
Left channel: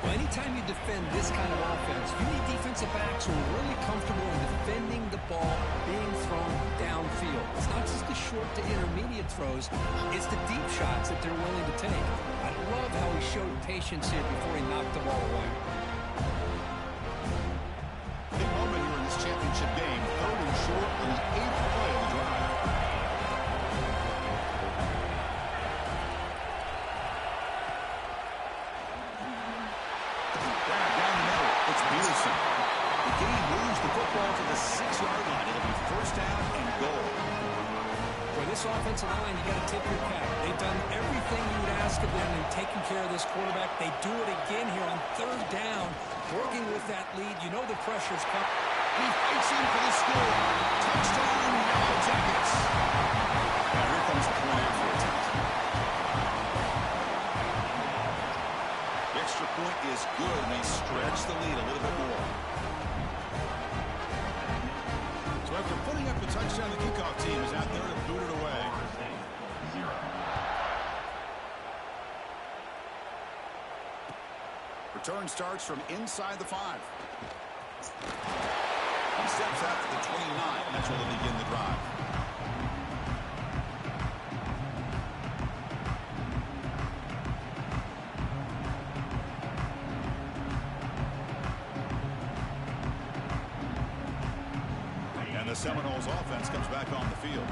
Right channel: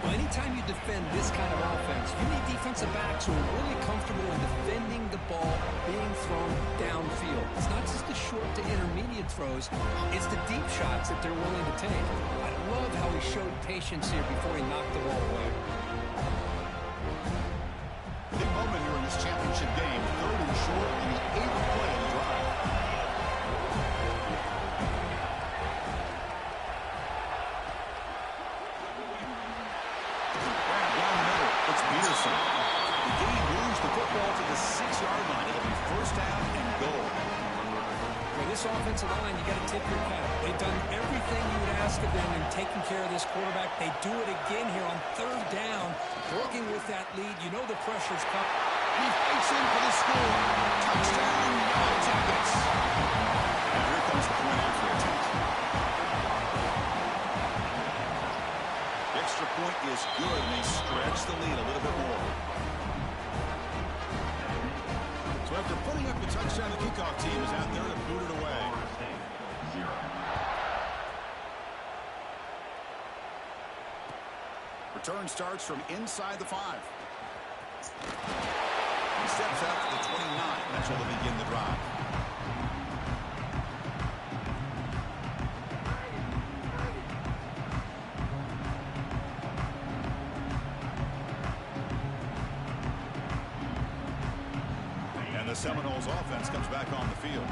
Well, anytime you defend this kind of offense, you need defensive backs who are really comfortable in defending the ball being thrown downfield. It's not just the short to intermediate throws. It's the deep shots that they're willing to take. I love how he showed patience here before he knocked the ball away. Big moment here in this championship game. 3rd and short on the 8th play of the drive. Grab down the middle. It's Peterson. The game moves the football to the 6-yard line. It'll be first down and goal. For this offensive line, you got to tip your cap. They've done everything you would ask of them in taking care of this quarterback. They do it again here on 3rd down, working with that lead. You know the pressure's coming. And he fights in for the score. Touchdown, Yellow Jackets. Now here comes the point after attempt. The extra point is good, and they stretch the lead a little bit more. So after putting up the touchdown, the kickoff team is out there to boot it away. 0. Return starts from inside the 5. He steps out to the 29. That's where they'll begin the drive. And the Seminoles offense comes back on the field.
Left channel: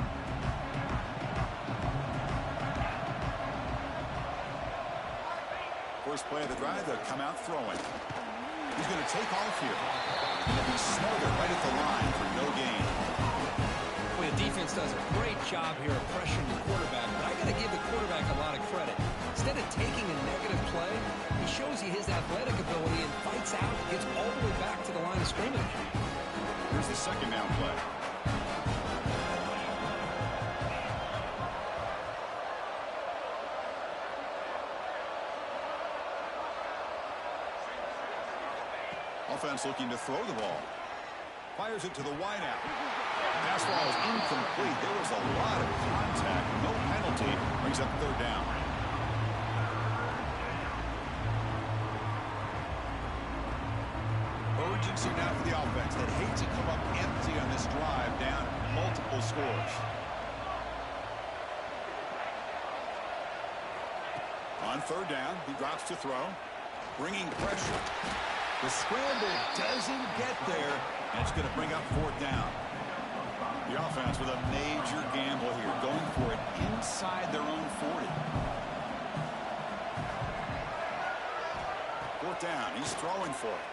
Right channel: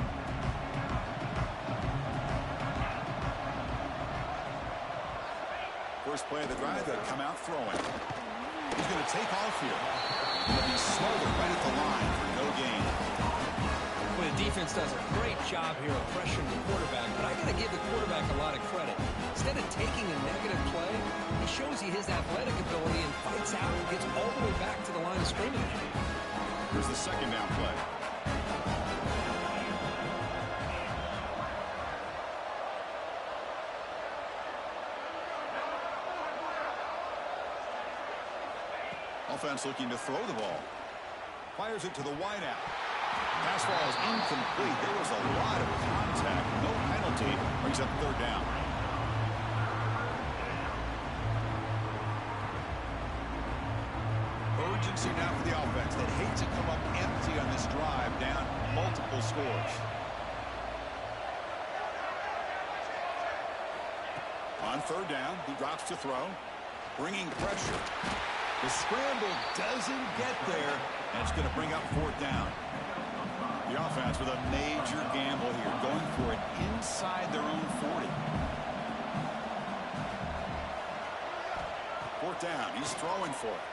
First play of the drive, they'll come out throwing. He's going to take off here. And he'll be smothered right at the line for no gain. Well, the defense does a great job here of pressuring the quarterback, but I got to give the quarterback a lot of credit. Instead of taking a negative play, he shows you his athletic ability and fights out and gets all the way back to the line of scrimmage. Here's the second down play. offense looking to throw the ball. Fires it to the wideout. Pass ball is incomplete. There was a lot of contact. No penalty. Brings up third down. Urgency now for the offense. They'd hate to come up empty on this drive, down multiple scores. On third down, he drops to throw, bringing pressure. The scramble doesn't get there, and it's going to bring up fourth down. The offense with a major gamble here, going for it inside their own 40. Fourth down, he's throwing for it.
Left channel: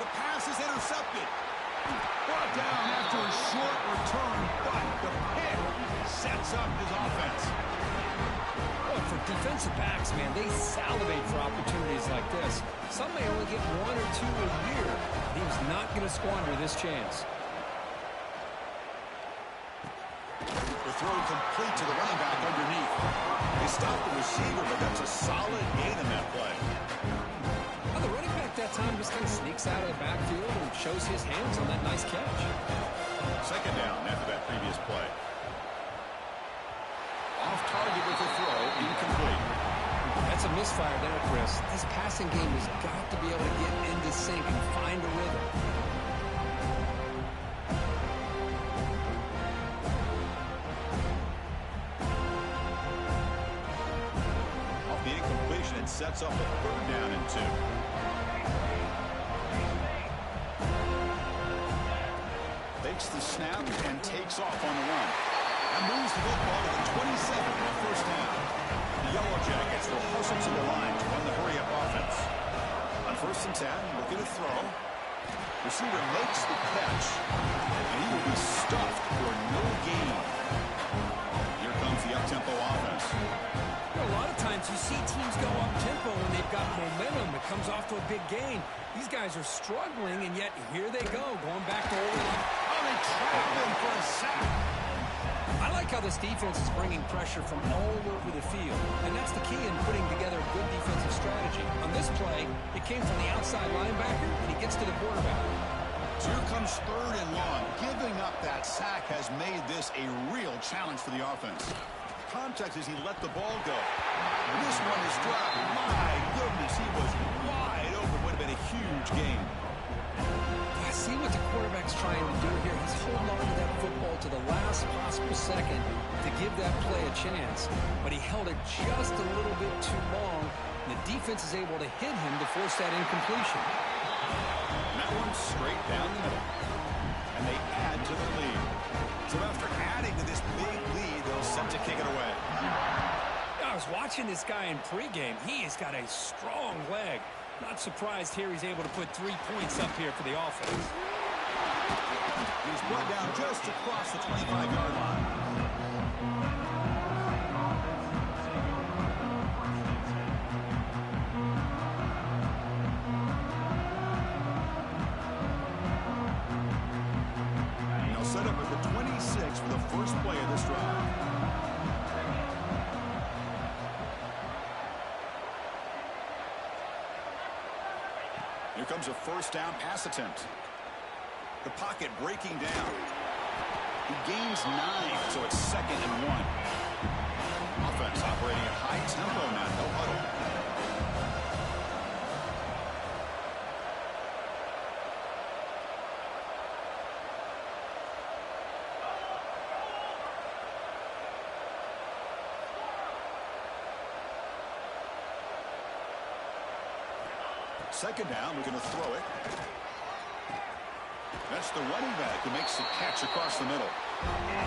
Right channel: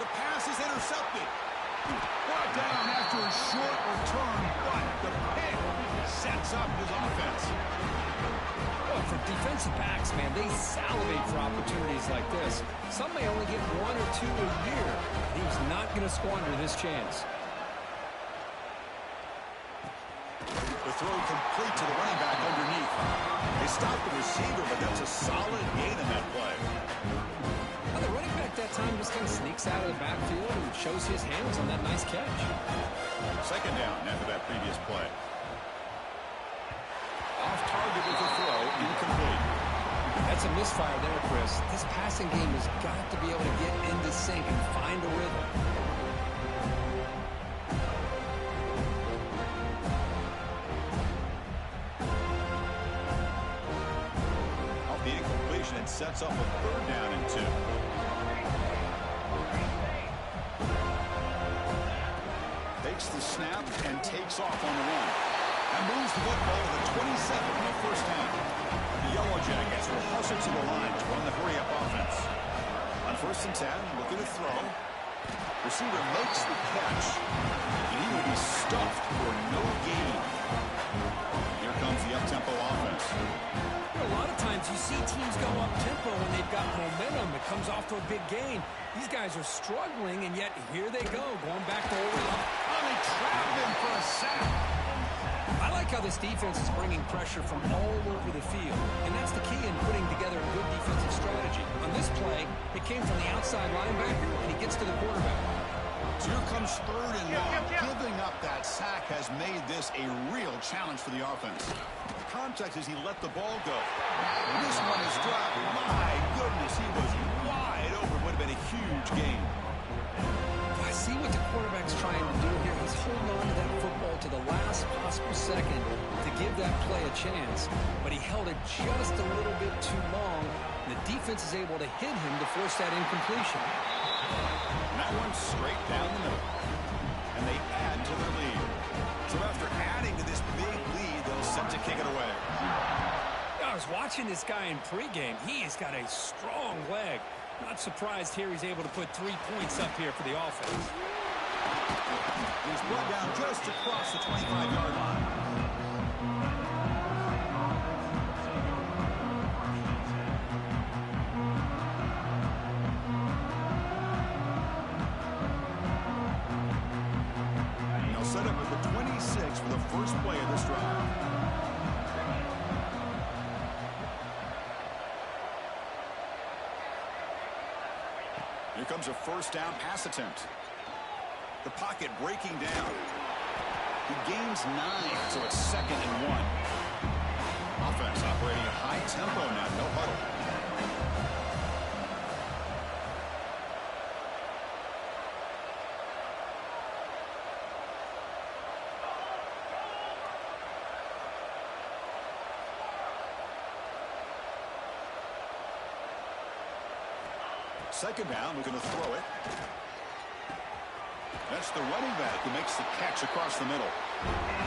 The pass is intercepted. Brought down after a short return, but the pick sets up his offense. Well, for defensive backs, man, they salivate for opportunities like this. Some may only get 1 or 2 a year. He's not going to squander this chance. The throw complete to the running back underneath. They stopped the receiver, but that's a solid gain in that play. Well, the running back that time just kind of sneaks out of the backfield and shows his hands on that nice catch. Second down after that previous play. Off target with the throw, incomplete. That's a misfire there, Chris. This passing game has got to be able to get into sync and find a rhythm. Off the incompletion, it sets up a third down and 2. Takes the snap and takes off on the run. And moves the football to the 27 on first down. The Yellow Jackets will hustle to the line to run the hurry-up offense. On first and 10, looking to throw. Receiver makes the catch, and he will be stuffed for no gain. Here comes the up-tempo offense. You know, a lot of times you see teams go up-tempo when they've got momentum. It comes off to a big gain. These guys are struggling, and yet here they go, going back to old line. Oh, they trap him for a sack. I like how this defense is bringing pressure from all over the field, and that's the key in putting together a good defensive strategy. On this play, it came from the outside linebacker, and he gets to the quarterback. So here comes third and long. Giving up that sack has made this a real challenge for the offense. Context as he let the ball go. This one is dropped. My goodness, he was wide open. Would have been a huge game. I see what the quarterback's trying to do here. He's holding on to that football to the last possible second to give that play a chance, but he held it just a little bit too long, and the defense is able to hit him to force that incompletion. And that one's straight down the middle. And they add to their lead. So after adding to this big lead, they'll set to kick it away. I was watching this guy in pregame. He's got a strong leg. Not surprised here he's able to put 3 points up here for the offense. He's brought down just across the 25-yard line. They'll set up at the 26 for the first play of this drive. Here comes a first down pass attempt. The pocket breaking down. He gains 9, so it's 2nd and 1. Offense operating at high tempo now, no huddle. Second down, looking to throw it. That's the running back who makes the catch across the middle.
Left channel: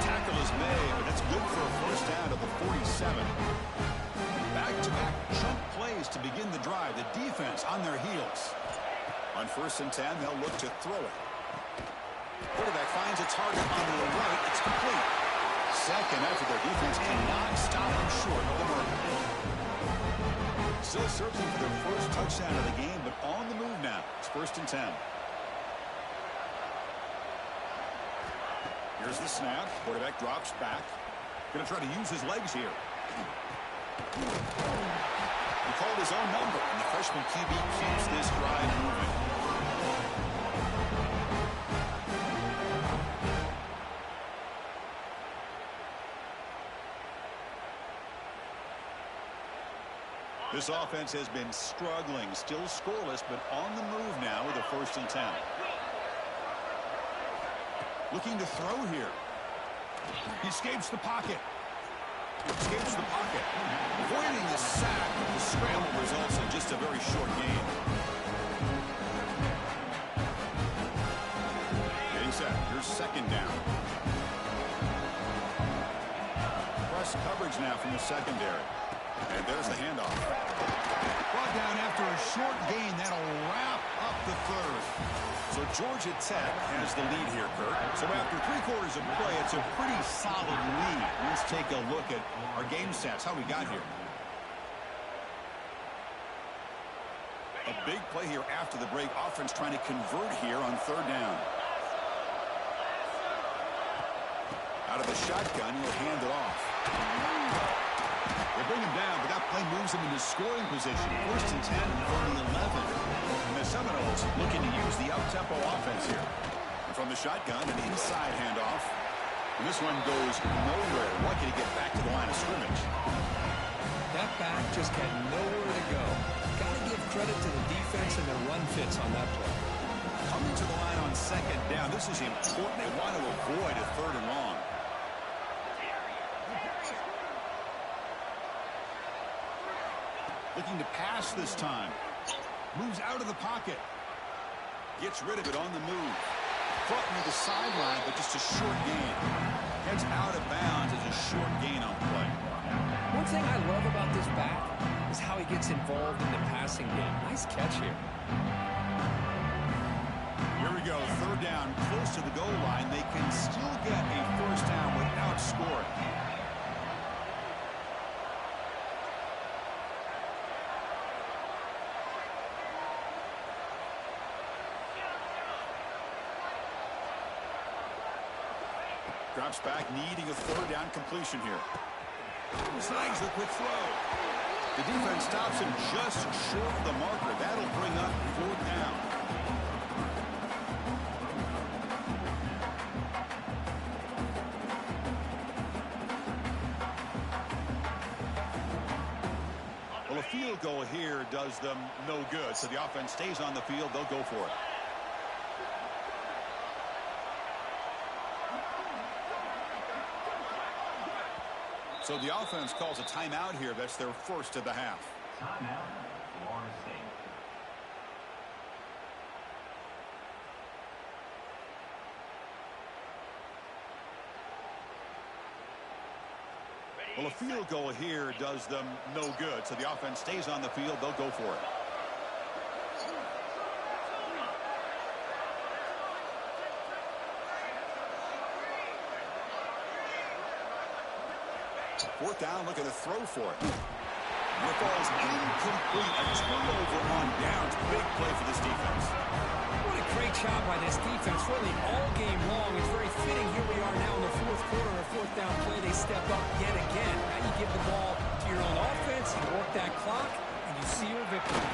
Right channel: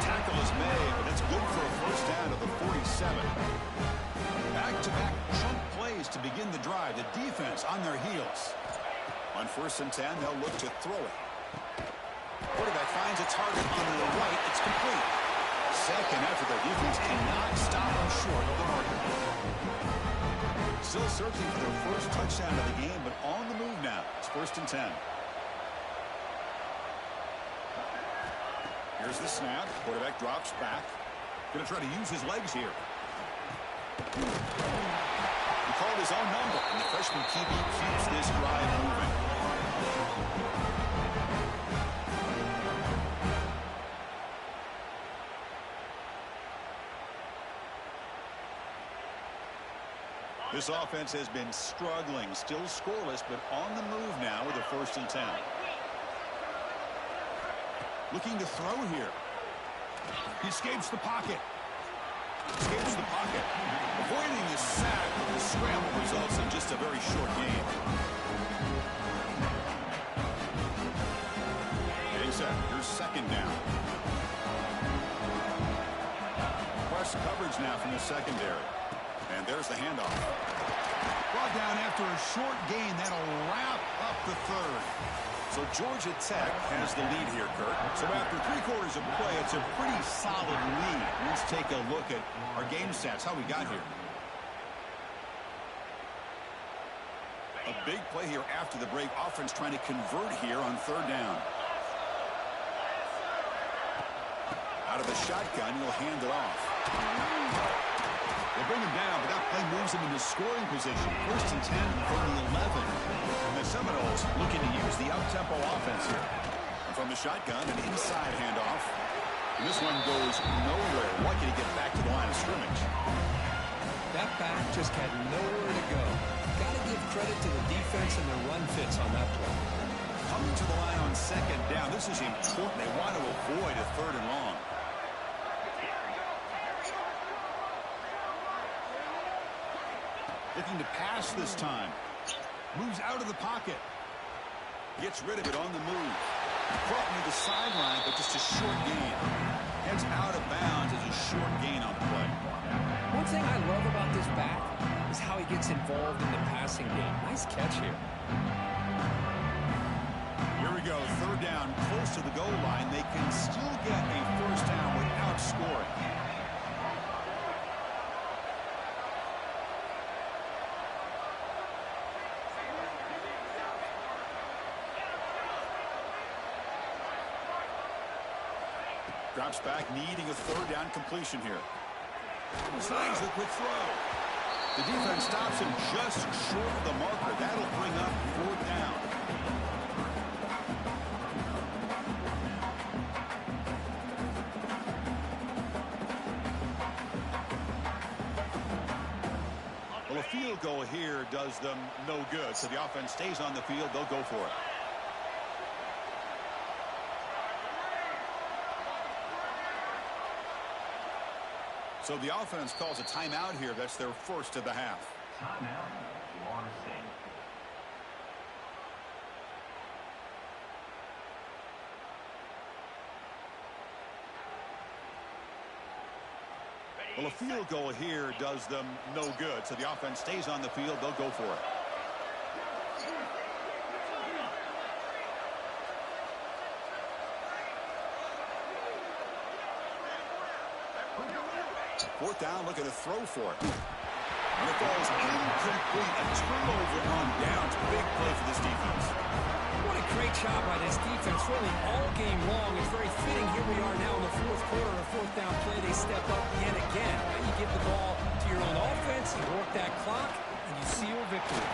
Tackle is made, but that's good for a first down to the 47. Back-to-back chunk plays to begin the drive. The defense on their heels. On first and 10, they'll look to throw it. Quarterback finds a target on the right. It's complete. Second effort, their defense cannot stop them short of the marker. Still searching for their first touchdown of the game, but on the move now. It's first and 10. Here's the snap. Quarterback drops back. Going to try to use his legs here. He called his own number, and the freshman QB keeps this drive moving. This offense has been struggling, still scoreless, but on the move now with a 1st and 10. Looking to throw here. He escapes the pocket. Escapes the pocket. Avoiding the sack, but the scramble results in just a very short gain. Getting set. Here's 2nd down. Press coverage now from the secondary. And there's the handoff. Brought down after a short gain. That'll wrap up the 3rd. So Georgia Tech has the lead here, Kirk. So after 3/4 of play, it's a pretty solid lead. Let's take a look at our game stats, how we got here. A big play here after the break. Offense trying to convert here on 3rd down. Out of the shotgun, he'll hand it off. They bring him down, but that play moves him into scoring position. 1st and 10 from the 11. And the Seminoles looking to use the up-tempo offense here. And from the shotgun, an inside handoff. And this one goes nowhere. Lucky to get back to the line of scrimmage. That back just had nowhere to go. Got to give credit to the defense and their run fits on that play. Coming to the line on 2nd down. This is important. They want to avoid a 3rd and long. Looking to pass this time. Moves out of the pocket. Gets rid of it on the move. Caught near the sideline, but just a short gain. Heads out of bounds as a short gain on the play. One thing I love about this back is how he gets involved in the passing game. Nice catch here. Here we go. 3rd down, close to the goal line. They can still get a 1st down without scoring. Drops back, needing a 3rd down completion here. Slides the quick throw. The defense stops him just short of the marker. That'll bring up 4th down. Well, a field goal here does them no good. So the offense stays on the field. They'll go for it. So the offense calls a timeout here. That's their 1st of the half. Timeout, Florida State. Well, a field goal here does them no good. So the offense stays on the field. They'll go for it. 4th down, looking to throw for it. And it falls incomplete. A turnover on downs. Big play for this defense. What a great job by this defense, really all game long. It's very fitting. Here we are now in the 4th quarter. On a 4th down play, they step up yet again. Now you give the ball to your own offense, you work that clock, and you seal victory.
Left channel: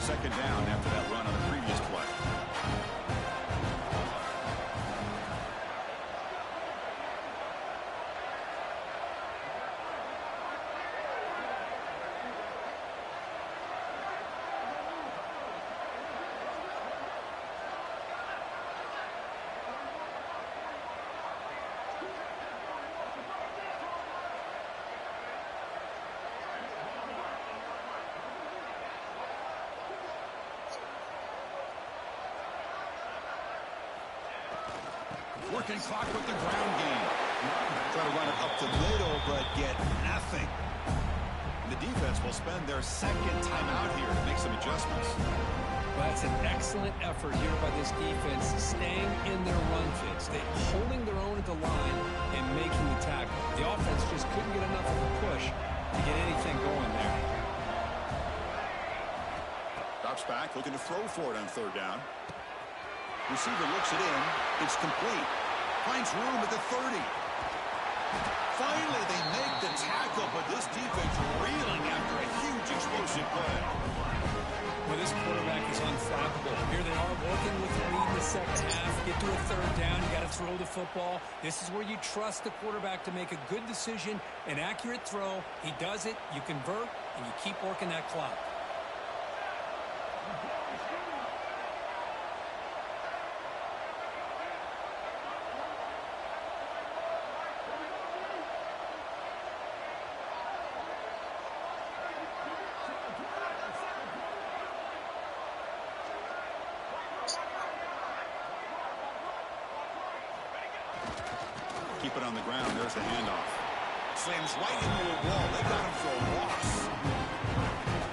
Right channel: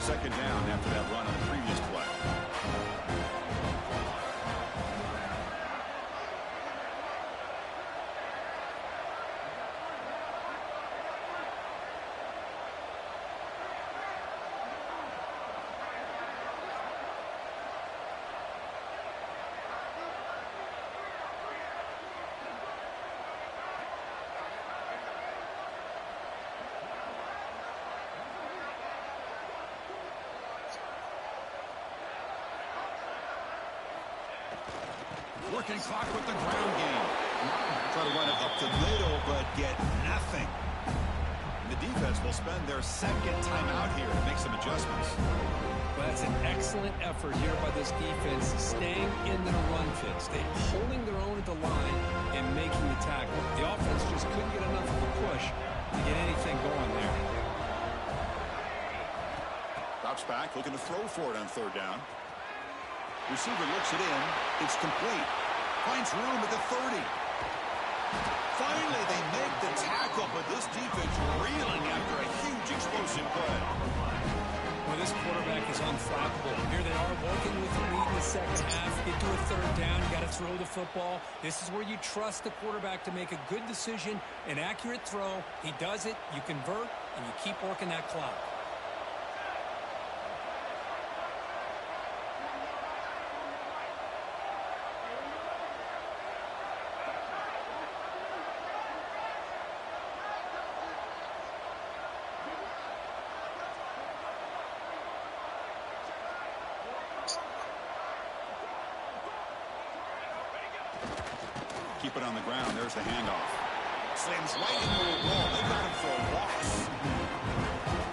Second down after that run on the previous play. Working clock with the ground game. Try to run it up the middle, but get nothing. And the defense will spend their 2nd timeout here to make some adjustments. Well, that's an excellent effort here by this defense, staying in their run fits. They holding their own at the line and making the tackle. The offense just couldn't get enough of a push to get anything going there. Drops back, looking to throw for it on 3rd down. Receiver looks it in. It's complete. Finds room at the 30. Finally, they make the tackle. tackle, but this defense reeling after a huge explosive play. Well, this quarterback is unflappable. Here they are working with the lead in the second half. Get to a third down. You got to throw the football. This is where you trust the quarterback to make a good decision, an accurate throw. He does it. You convert, and you keep working that clock. Keep it on the ground. There's the handoff. Slams right into a wall. They got him for a loss.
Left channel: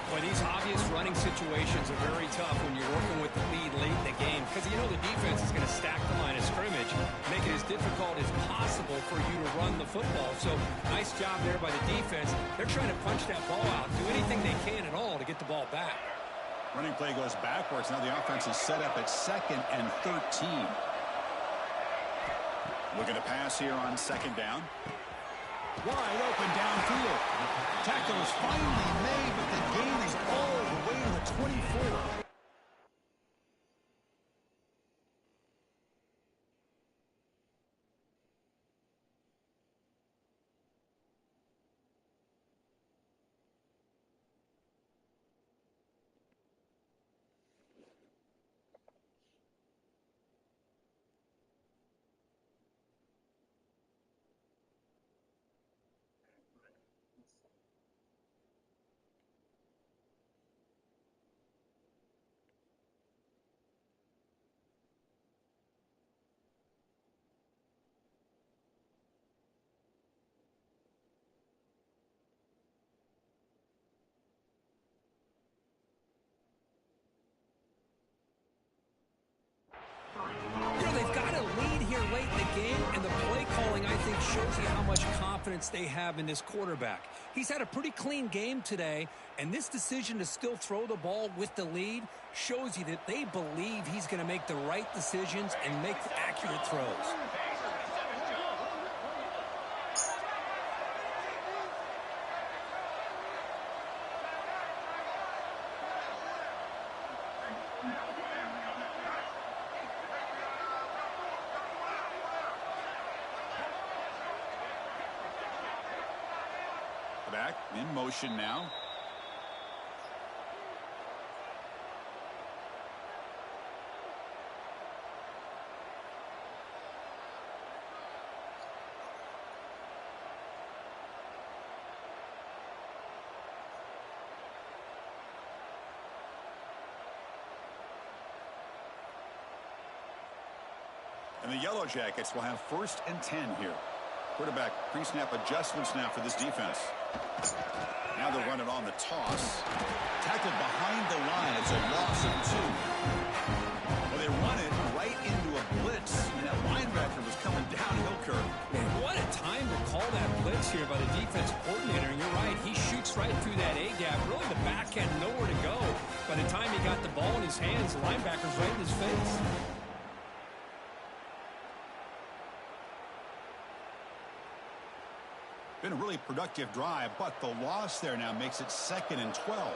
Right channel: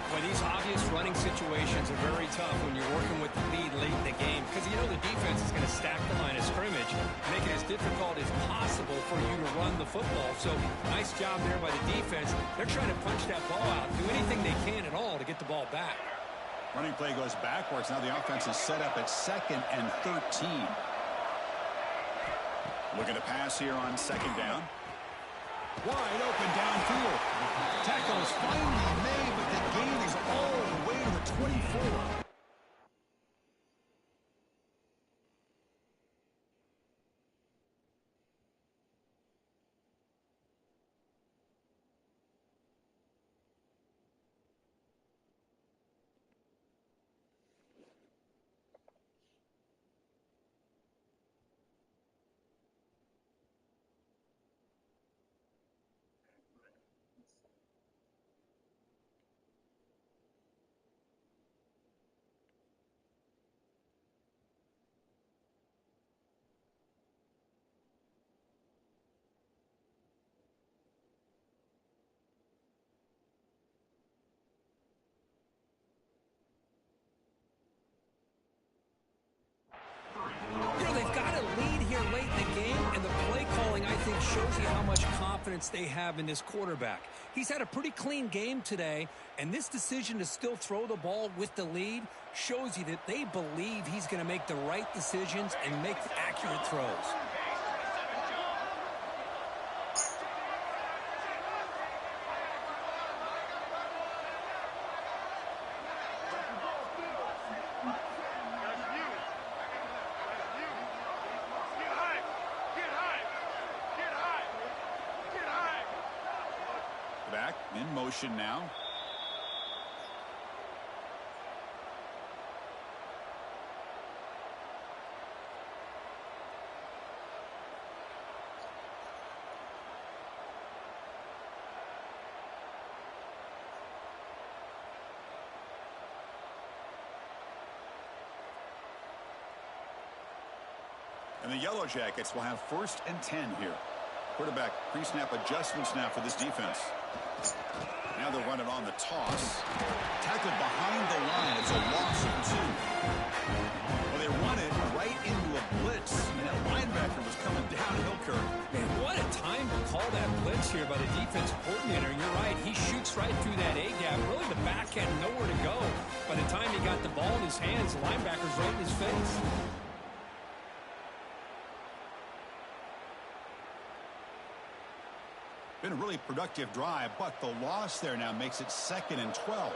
Boy, these obvious running situations are very tough when you're working with the lead late in the game because you know the defense is going to stack the line of scrimmage, make it as difficult as possible for you to run the football. So nice job there by the defense. They're trying to punch that ball out, do anything they can at all to get the ball back. Running play goes backwards. Now the offense is set up at 2nd and 13. Looking to pass here on 2nd down. Wide open downfield. Tackle is finally made, but the gain is all the way to the 24. You know, they've got a lead here late in the game, and the play calling, I think, shows you how much confidence they have in this quarterback. He's had a pretty clean game today, and this decision to still throw the ball with the lead shows you that they believe he's going to make the right decisions and make accurate throws. Back in motion now. And the Yellow Jackets will have 1st and 10 here. Quarterback pre-snap adjustments now for this defense. Now they'll run it on the toss. Tackled behind the line. It's a loss of 2. Well, they run it right into a blitz, and that linebacker was coming downhill, Kirk. Man, what a time to call that blitz here by the defense coordinator. And you're right, he shoots right through that A-gap. Really, the back had nowhere to go. By the time he got the ball in his hands, the linebacker's right in his face. Been a really productive drive, but the loss there now makes it 2nd and 12.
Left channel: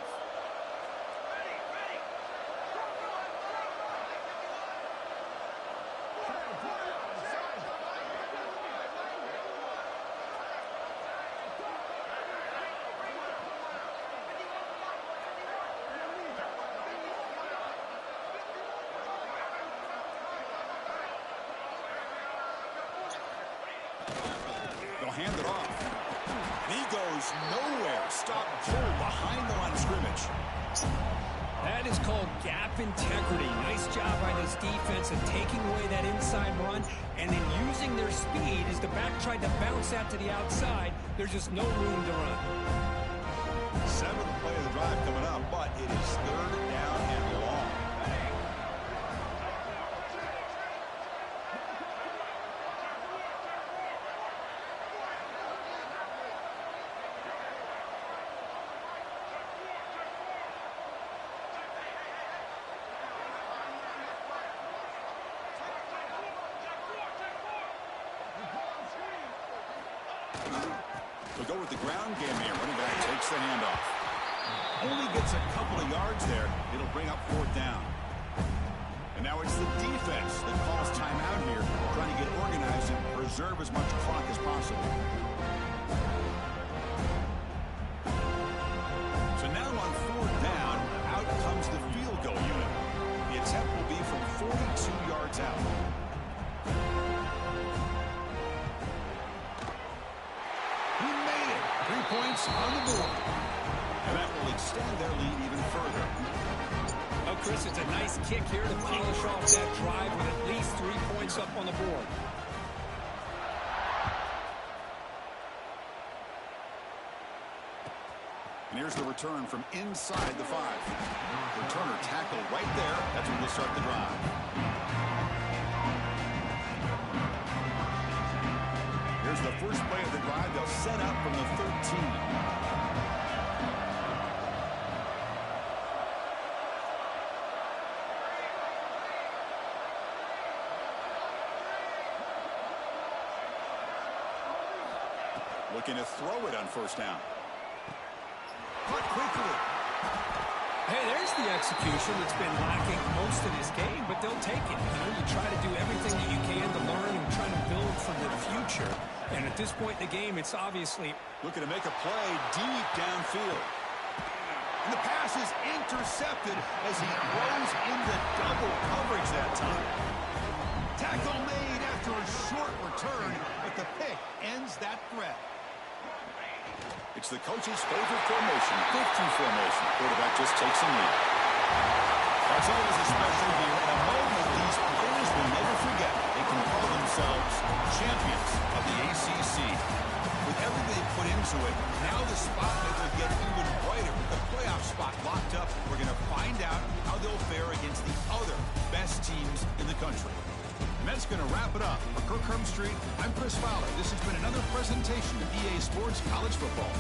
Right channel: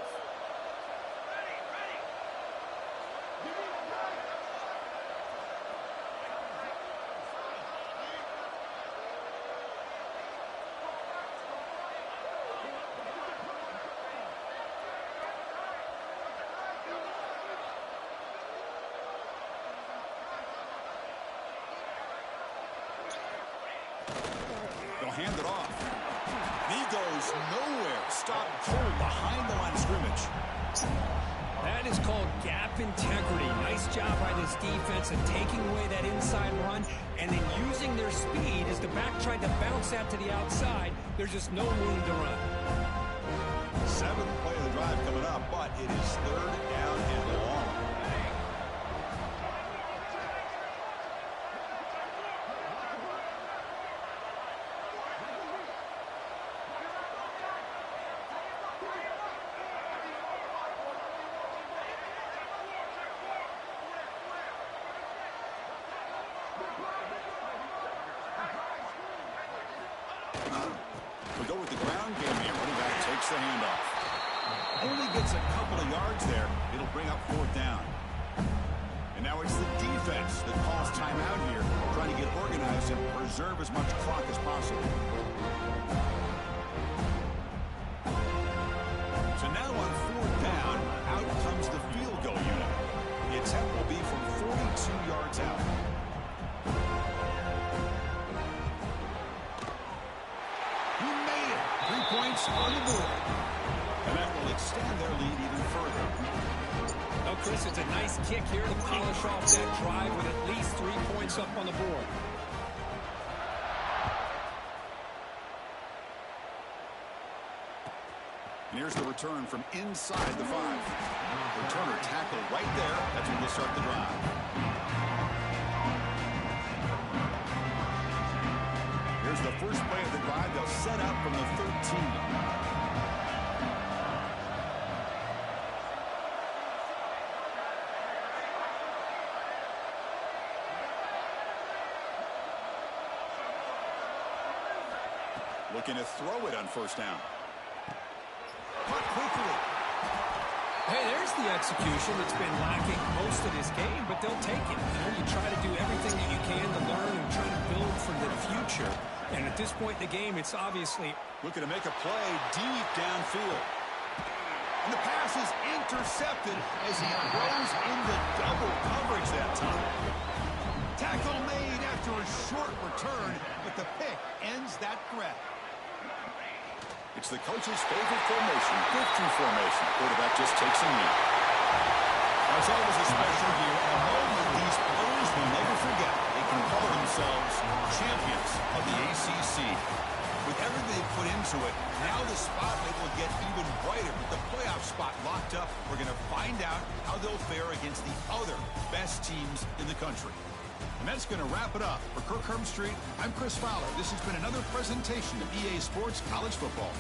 They'll hand it off. And he goes nowhere. Stop cold behind the line of scrimmage. That is called gap integrity. Nice job by this defense of taking away that inside run and then using their speed as the back tried to bounce that to the outside. There's just no room to run. 7th play of the drive coming up, but it is 3rd down and long. We'll go with the ground game here. Running back takes the handoff. Only gets a couple of yards there. It'll bring up 4th down. And now it's the defense that calls timeout here, trying to get organized and preserve as much clock as possible. So now on 4th down, out comes the field goal unit. The attempt will be from 42 yards out. He made it. 3 points on the board. And that will extend their lead even further. Oh, Chris, it's a nice kick here to polish off that drive with at least 3 points up on the board. And here's the return from inside the 5. Returner tackled right there. That's when we'll start the drive. Here's the first play of the drive. They'll set up from the 13. Looking to throw it on 1st down. Caught quickly. Hey, there's the execution that's been lacking most of this game, but they'll take it. You know, you try to do everything that you can to learn and try to build for the future. And at this point in the game, it's obviously looking to make a play deep downfield. And the pass is intercepted as he throws into double coverage that time. Tackle made after a short return, but the pick ends that threat. It's the coach's favorite formation, breakthrough formation. Quarterback just takes a knee. That's always a special year and a moment these players will never forget. They can call themselves champions of the ACC. With everything they put into it, now the spotlight will get even brighter. With the playoff spot locked up, we're going to find out how they'll fare against the other best teams in the country. And that's going to wrap it up. For Kirk Herbstreit, I'm Chris Fowler. This has been another presentation of EA Sports College Football.